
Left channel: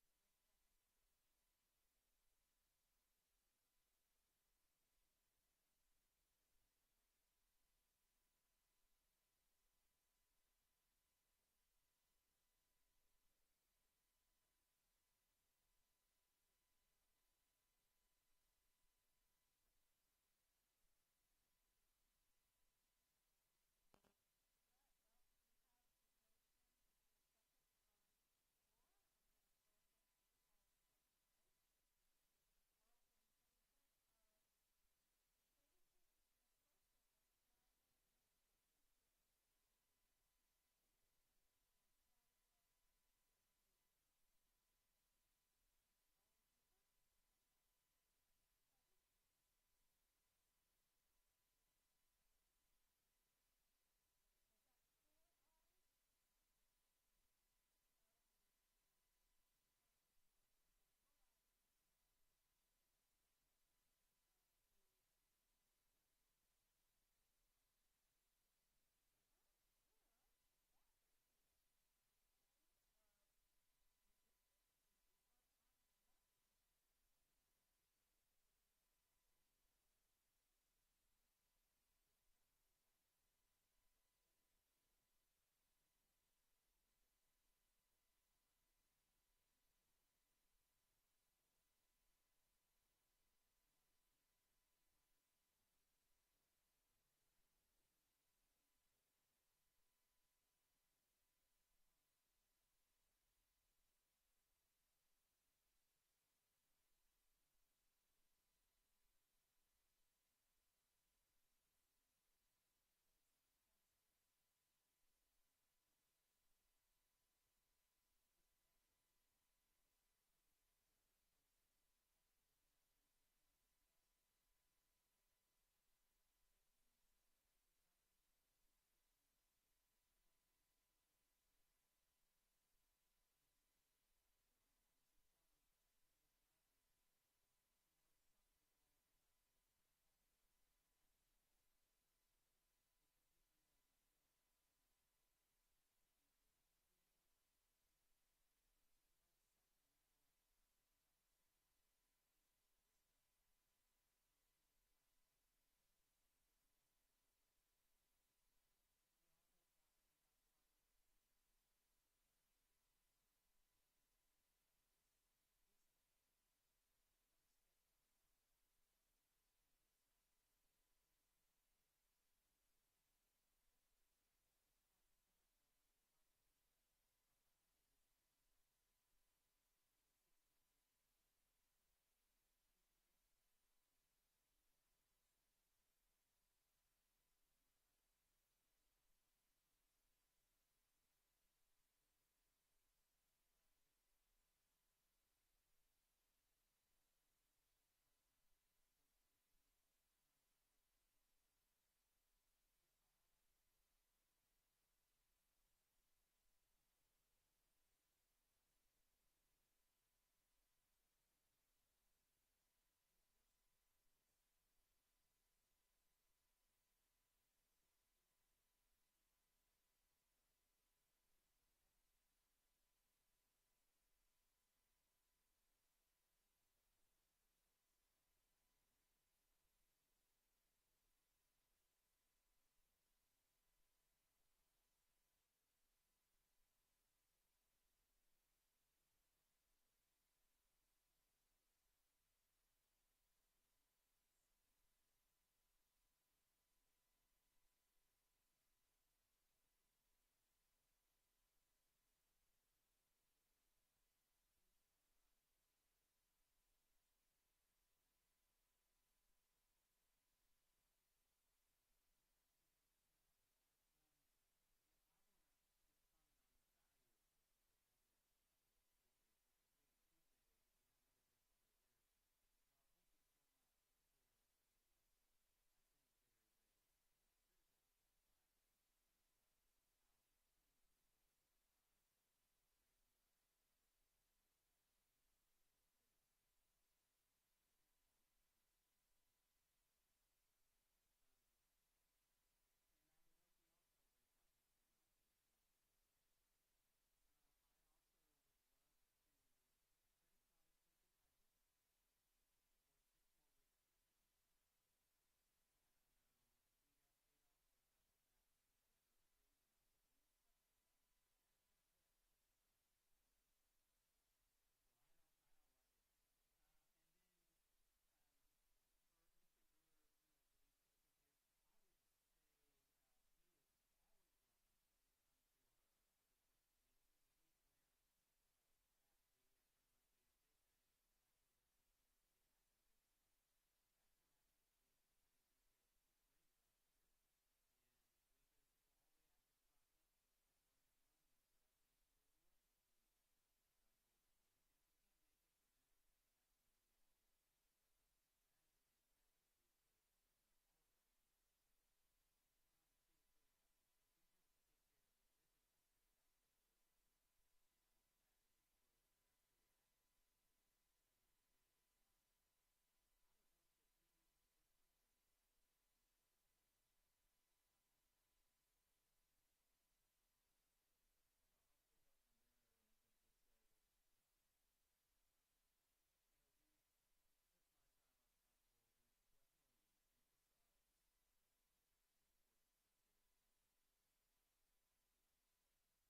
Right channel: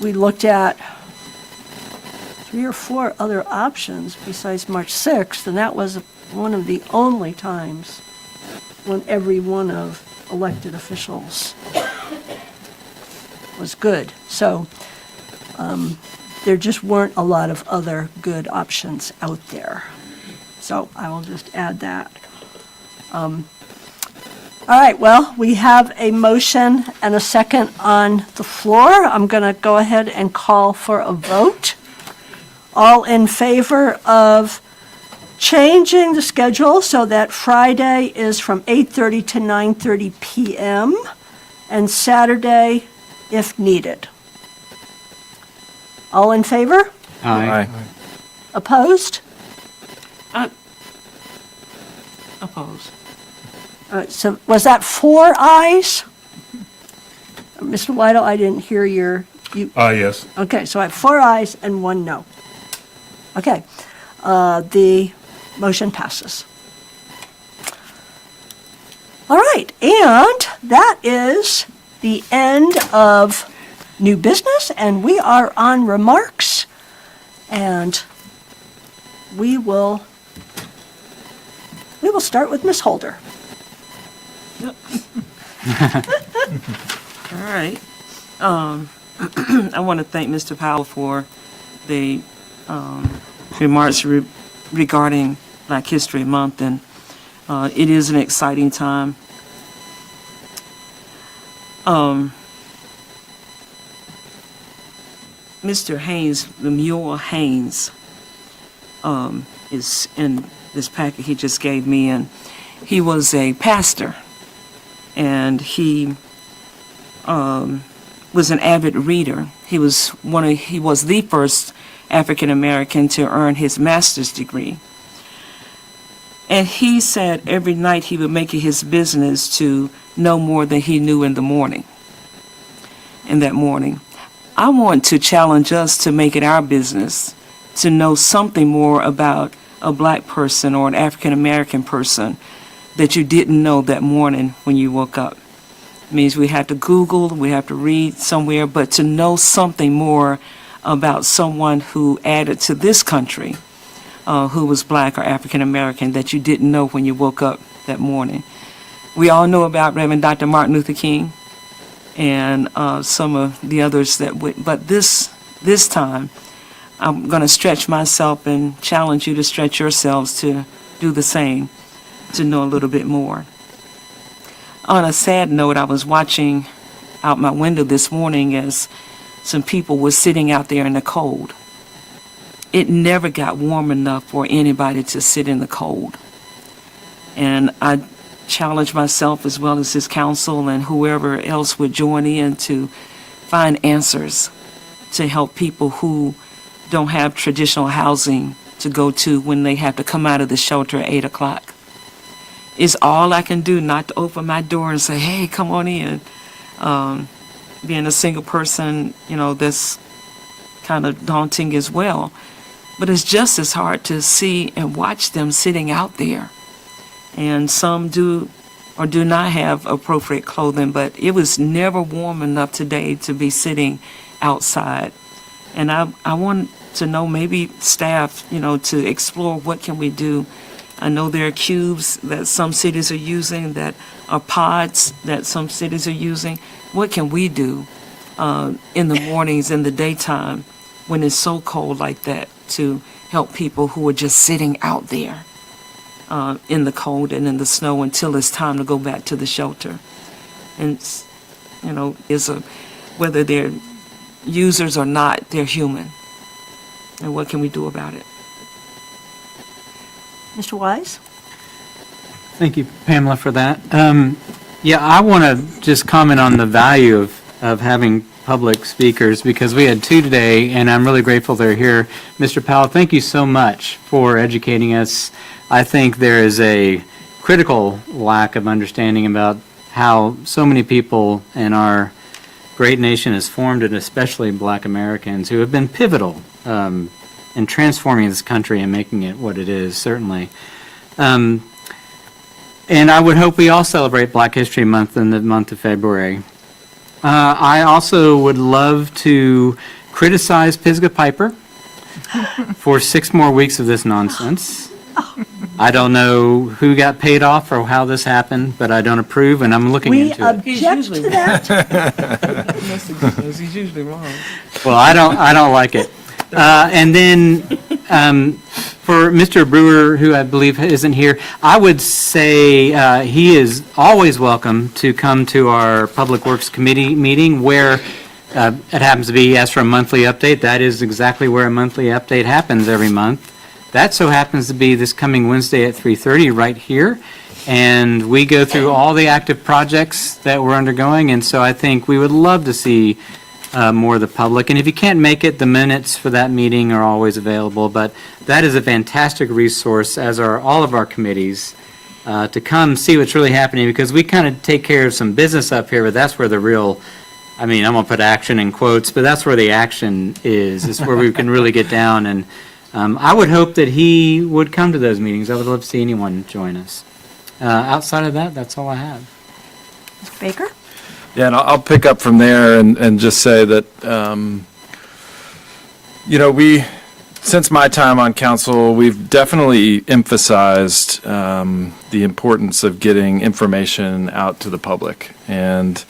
we looked at 3 or 4 other options besides March 6th, and that was one of the only times when every one of elected officials was good. So there just weren't a lot of other good options out there. So I will just add that. All right, well, we have a motion and a second on the floor. I'm going to go ahead and call for a vote. All in favor of changing the schedule so that Friday is from 8:30 to 9:30 p.m. and Saturday if needed. All in favor? Aye. Opposed? Opposed. So was that 4 ayes? Mr. Whittle, I didn't hear Yes. okay, so I have 4 ayes and 1 no. Okay, the motion passes. All right, and that is the end of new business, and we are on remarks, and we will start with Ms. Holder. Yep. All right. I want to thank Mr. Powell for the remarks regarding Black History Month, and it is an exciting time. Mr. Haynes, Lemuel Haynes, is in this packet he just gave me, and he was a pastor, and he was an avid reader. He was the first African American to earn his master's degree. And he said every night he would make it his business to know more than he knew in the morning. In that morning, I want to challenge us to make it our business to know something more about a Black person or an African American person that you didn't know that morning when you woke up. It means we have to Google, we have to read somewhere, but to know something more about someone who added to this country, who was Black or African American, that you didn't know when you woke up that morning. We all know about Reverend Dr. Martin Luther King and some of the others but this time, I'm going to stretch myself and challenge you to stretch yourselves to do the same, to know a little bit more. On a sad note, I was watching out my window this morning as some people were sitting out there in the cold. It never got warm enough for anybody to sit in the cold. And I challenge myself as well as this council and whoever else would join in to find answers to help people who don't have traditional housing to go to when they have to come out of the shelter at 8 o'clock. It's all I can do not to open my door and say, hey, come on in. Being a single person, that's kind of daunting as well. But it's just as hard to see and watch them sitting out there. And some do or do not have appropriate clothing, but it was never warm enough today to be sitting outside. And I want to know, maybe staff, to explore what can we do. I know there are cubes that some cities are using, that are pods that some cities are using. What can we do in the mornings, in the daytime, when it's so cold like that, to help people who are just sitting out there in the cold and in the snow until it's time to go back to the shelter? And, whether they're users or not, they're human. And what can we do about it? Mr. Wise? Thank you, Pamela, for that. Yeah, I want to just comment on the value of having public speakers, because we had two today, and I'm really grateful they're here. Mr. Powell, thank you so much for educating us. I think there is a critical lack of understanding about how so many people in our great nation is formed, and especially Black Americans, who have been pivotal in transforming this country and making it what it is, certainly. And I would hope we all celebrate Black History Month in the month of February. I also would love to criticize Pisgah Piper for 6 more weeks of this nonsense. I don't know who got paid off or how this happened, but I don't approve, and I'm looking into it. We object to that. He's usually wrong. Well, I don't like it. And then for Mr. Brewer, who I believe isn't here, I would say he is always welcome to come to our Public Works Committee meeting, where it happens to be he asked for a monthly update. That is exactly where a monthly update happens every month. That so happens to be this coming Wednesday at 3:30 right here. And we go through all the active projects that we're undergoing. And so I think we would love to see more of the public. And if you can't make it, the minutes for that meeting are always available. But that is a fantastic resource, as are all of our committees, to come see what's really happening, because we kind of take care of some business up here, but that's where the real, I mean, I'm going to put action in quotes, but that's where the action is. It's where we can really get down. And I would hope that he would come to those meetings. I would love to see anyone join us. Outside of that, that's all I have. Mr. Baker? Yeah, and I'll pick up from there and just say that, since my time on council, we've definitely emphasized the importance of getting information out to the public, and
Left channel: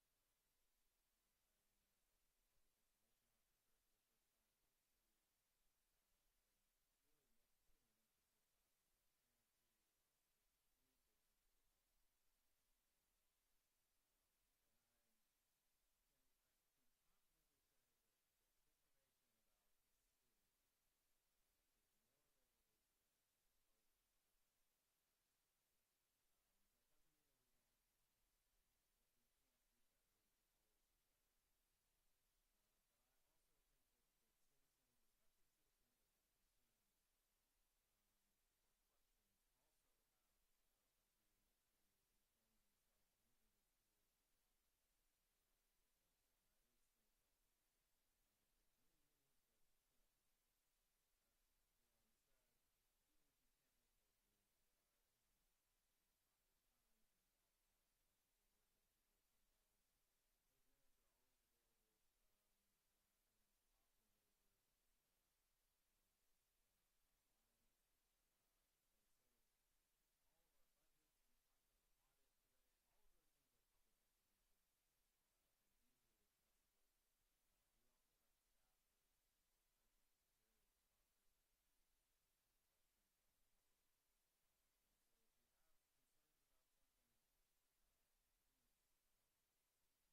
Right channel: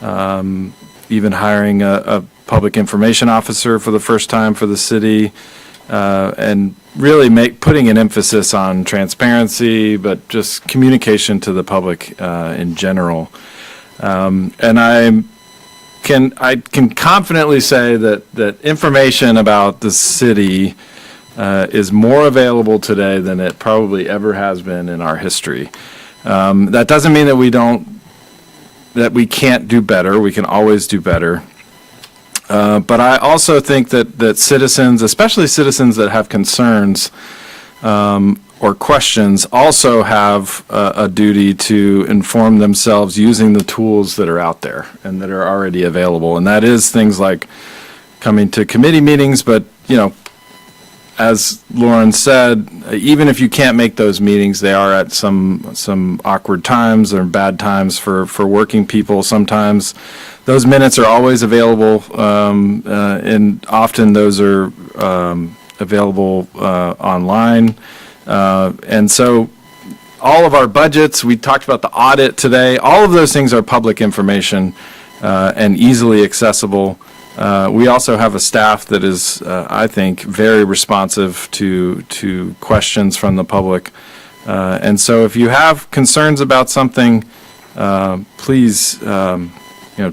even hiring a public information officer for the first time for the city, and really putting an emphasis on transparency, but just communication to the public in general. And I can confidently say that information about the city is more available today than it probably ever has been in our history. That doesn't mean that we can't do better. We can always do better. But I also think that citizens, especially citizens that have concerns or questions, also have a duty to inform themselves using the tools that are out there and that are already available. And that is things like coming to committee meetings, but, as Lauren said, even if you can't make those meetings, they are at some awkward times or bad times for working people. Sometimes those minutes are always available, and often those are available online. And so all of our budgets, we talked about the audit today, all of those things are public information and easily accessible. We also have a staff that is, I think, very responsive to questions from the public. And so if you have concerns about something, please,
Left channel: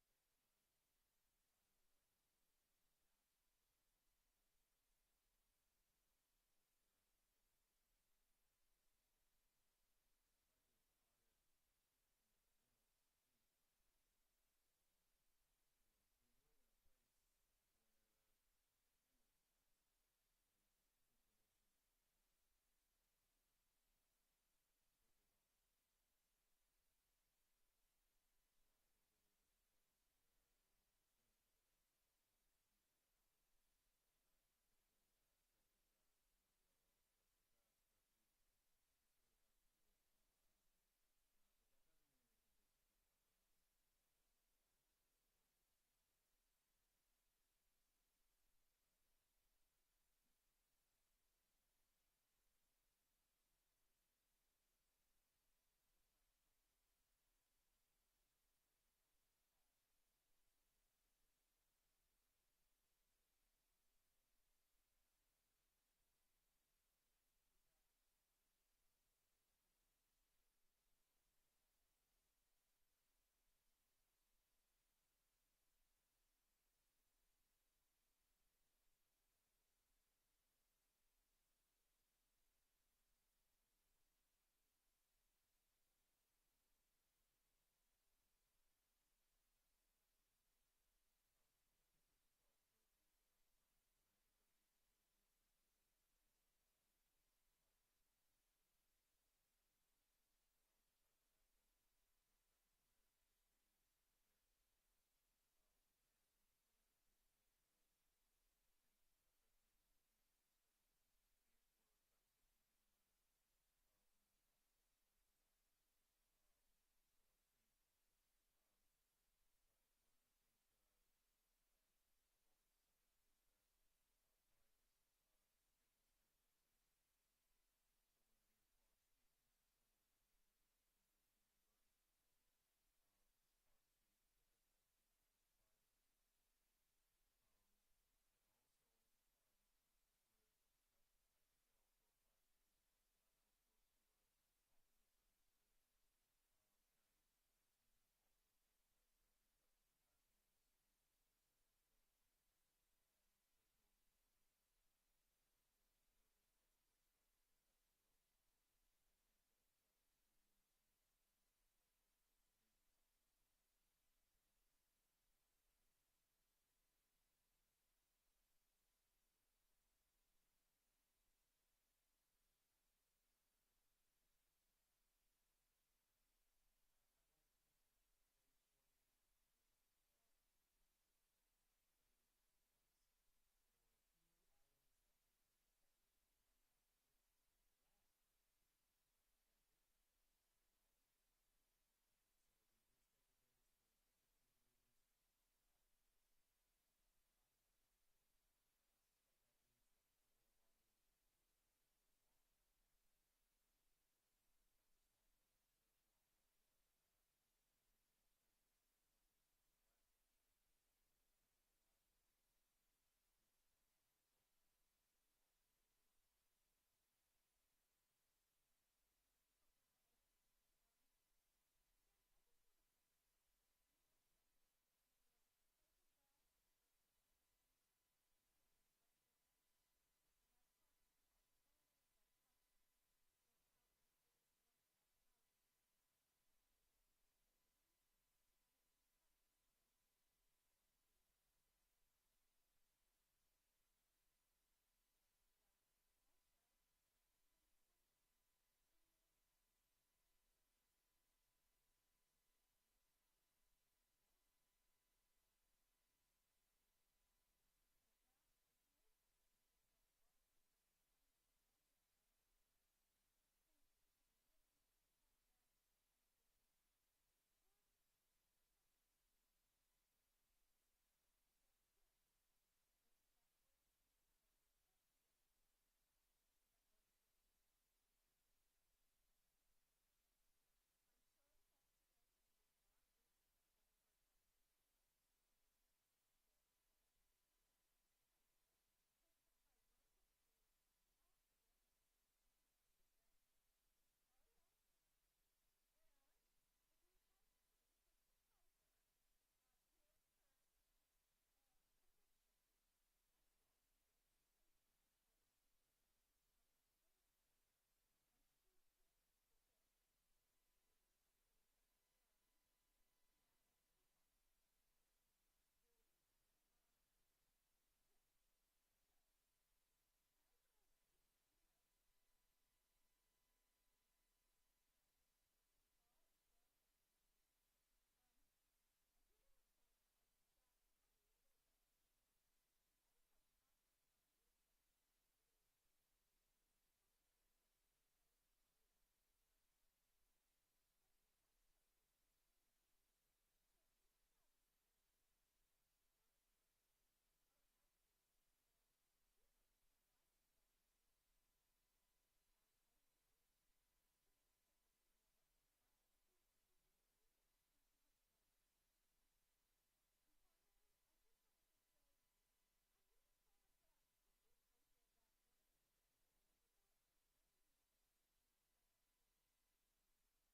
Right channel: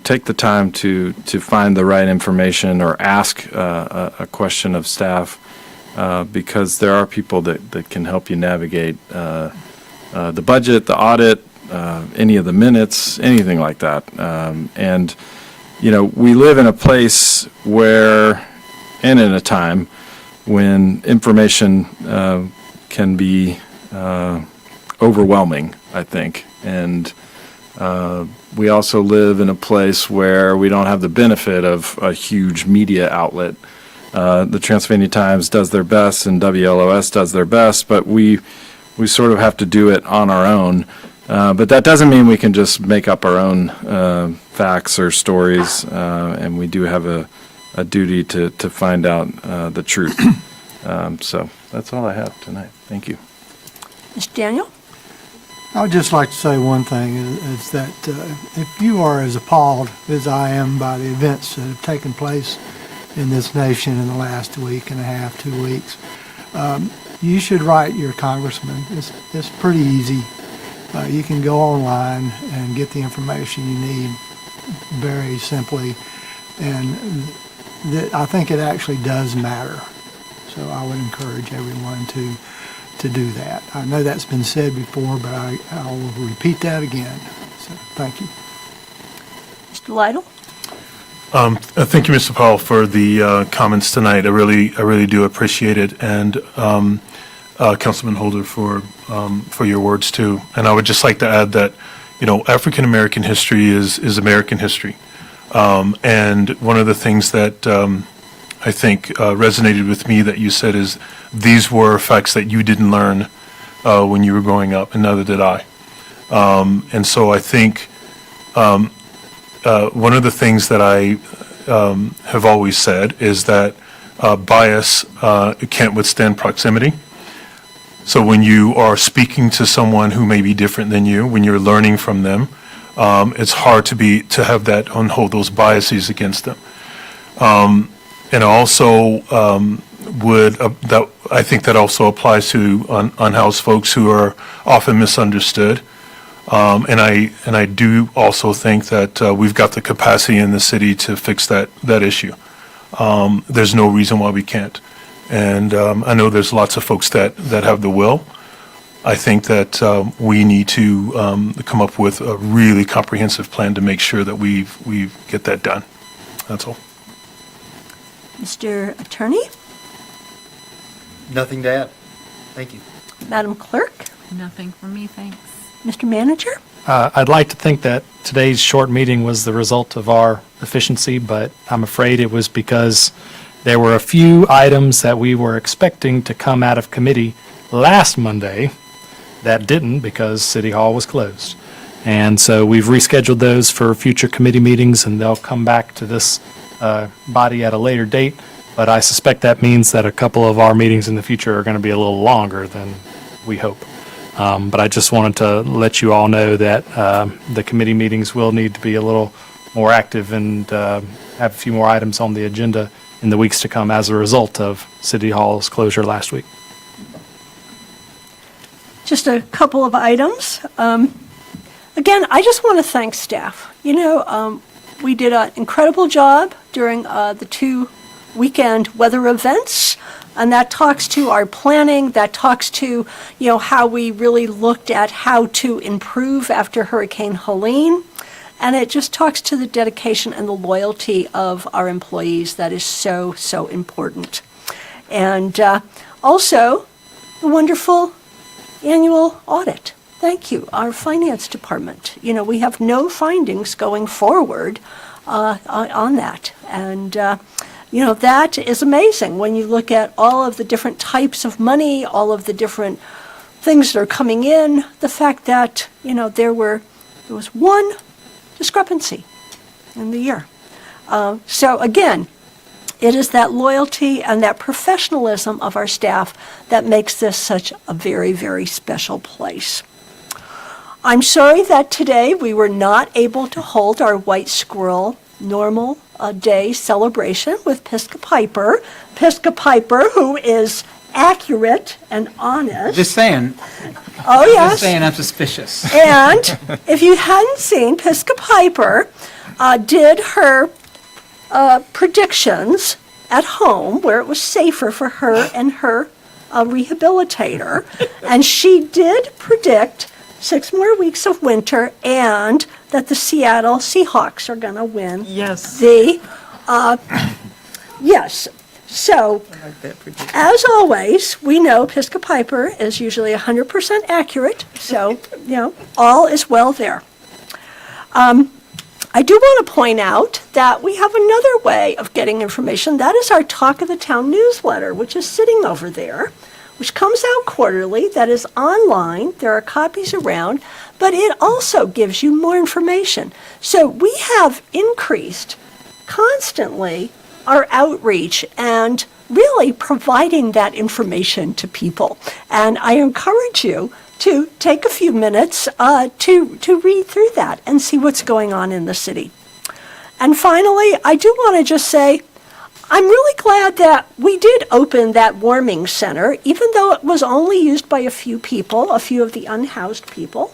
take the time to find the right information or ask a question of staff, because there are people that can help you navigate the budget, the audit, any of the minutes, anything like that. And we live in a place where, and in a time when information can be overwhelming, I think. And we also live in a place where we don't have the benefit of a huge media outlet. The Transylvania Times does their best and WLOS does their best, but we sort of have to do it on our own. But that doesn't mean we can just make up our own facts or stories, and we do have a duty to find out the truth. So that's all I have tonight. Thank you. Mr. Daniel? I would just like to say one thing, is that if you are as appalled as I am by the events that have taken place in this nation in the last week and a half, 2 weeks, you should write your congressman. It's pretty easy. You can go online and get the information you need very simply, and I think it actually does matter. So I would encourage everyone to to do that. I know that's been said before, but I'll repeat that again. So, thank you. Mr. Lytle? Thank you, Mr. Powell, for the comments tonight. I really do appreciate it, and Councilman Holder for your words too. And I would just like to add that, African American history is American history, and one of the things that I think resonated with me that you said is these were facts that you didn't learn when you were growing up, and neither did I. And so I think. One of the things that I have always said is that bias can't withstand proximity. So when you are speaking to someone who may be different than you, when you're learning from them, it's hard to have that hold those biases against them. And also I think that also applies to unhoused folks who are often misunderstood. And I do also think that we've got the capacity in the city to fix that issue. There's no reason why we can't. And I know there's lots of folks that have the will. I think that we need to come up with a really comprehensive plan to make sure that we get that done. That's all. Mr. Attorney? Nothing to add. Thank you. Madam Clerk? Nothing from me, thanks. Mr. Manager? I'd like to think that today's short meeting was the result of our efficiency, but I'm afraid it was because there were a few items that we were expecting to come out of committee last Monday that didn't because City Hall was closed. And so we've rescheduled those for future committee meetings, and they'll come back to this body at a later date. But I suspect that means that a couple of our meetings in the future are going to be a little longer than we hope. But I just wanted to let you all know that the committee meetings will need to be a little more active and have a few more items on the agenda in the weeks to come as a result of City Hall's closure last week. Just a couple of items. Again, I just want to thank staff. We did an incredible job during the 2 weekend weather events. And that talks to our planning, that talks to, how we really looked at how to improve after Hurricane Helene. And it just talks to the dedication and the loyalty of our employees that is so, so important. And also, the wonderful annual audit. Thank you, our finance department. We have no findings going forward on that. And that is amazing when you look at all of the different types of money, all of the different things that are coming in, the fact that, there was one discrepancy in the year. So again, it is that loyalty and that professionalism of our staff that makes this such a very, very special place. I'm sorry that today we were not able to hold our White Squirrel normal day celebration with Pisca Piper. Pisca Piper, who is accurate and honest. Just saying. Oh, yes. Just saying I'm suspicious. And if you hadn't seen, Pisca Piper did her predictions at home where it was safer for her and her rehabilitator. And she did predict 6 more weeks of winter and that the Seattle Seahawks are going to win. Yes. Yes. So, as always, we know Pisca Piper is usually 100% accurate. So, all is well there. I do want to point out that we have another way of getting information. That is our Talk of the Town newsletter, which is sitting over there, which comes out quarterly, that is online. There are copies around, but it also gives you more information. So we have increased constantly our outreach and really providing that information to people. And I encourage you to take a few minutes to read through that and see what's going on in the city. And finally, I do want to just say, I'm really glad that we did open that warming center, even though it was only used by a few people, a few of the unhoused people.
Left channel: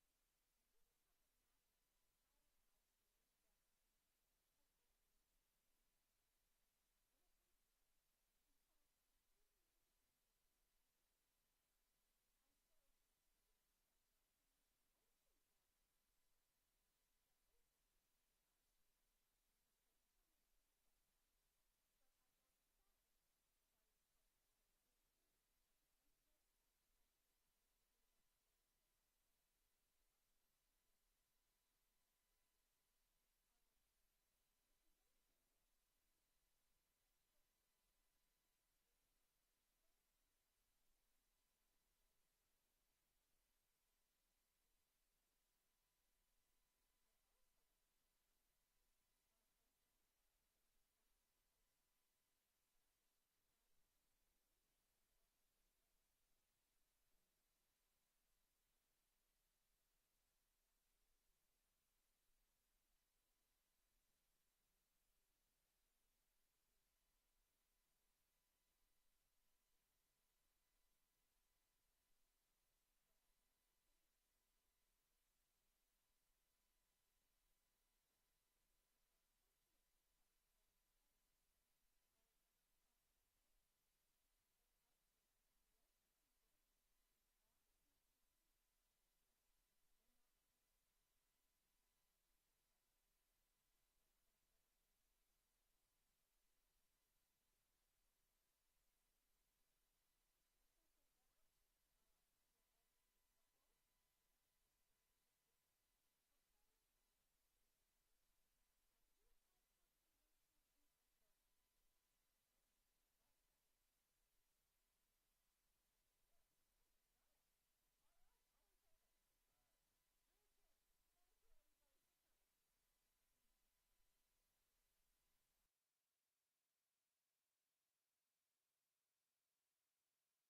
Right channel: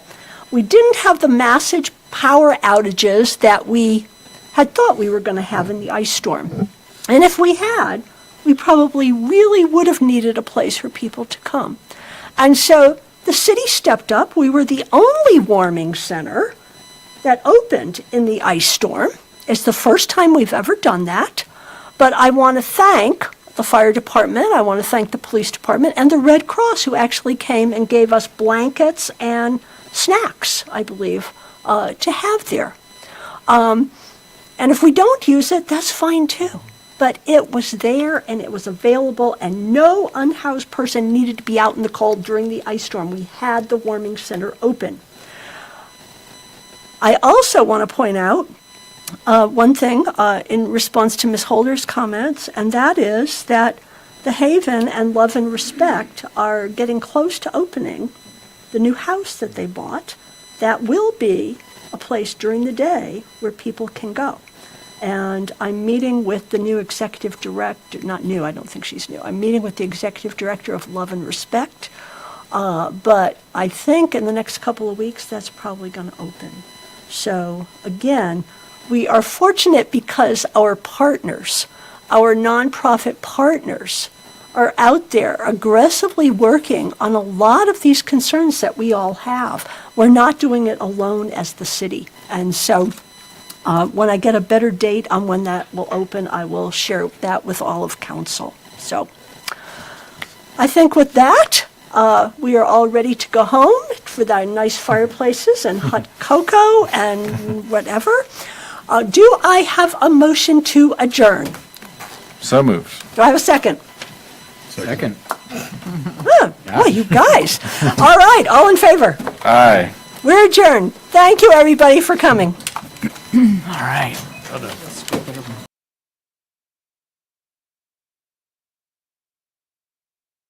We didn't have the massive power outages that we had thought we were going to have in the ice storm. And if we had, we probably really would have needed a place for people to come. And so the city stepped up. We were the only warming center that opened in the ice storm. It's the first time we've ever done that. But I want to thank the fire department, I want to thank the police department, and the Red Cross, who actually came and gave us blankets and snacks, I believe, to have there. And if we don't use it, that's fine too. But it was there and it was available, and no unhoused person needed to be out in the cold during the ice storm. We had the warming center open. I also want to point out one thing in response to Ms. Holder's comments, and that is that the Haven and Love and Respect are getting close to opening the new house that they bought. That will be a place during the day where people can go. And I'm meeting with the new executive director, not new, I don't think she's new. I'm meeting with the executive director of Love and Respect. But I think in the next couple of weeks, that's probably going to open. So again, we are fortunate because our partners, our nonprofit partners, are out there aggressively working on a lot of these concerns that we all have. We're not doing it alone as the city. And so when I get a better date on when that will open, I will share that with all of council. So I think with that, we are all ready to go home with our nice fireplaces and hot cocoa and whatever. Do I have a motion to adjourn? So moved. Do I have a second? Second. Oh, boy, you guys. All right, all in favor? Aye. We're adjourned. Thank you, everybody, for coming. All right.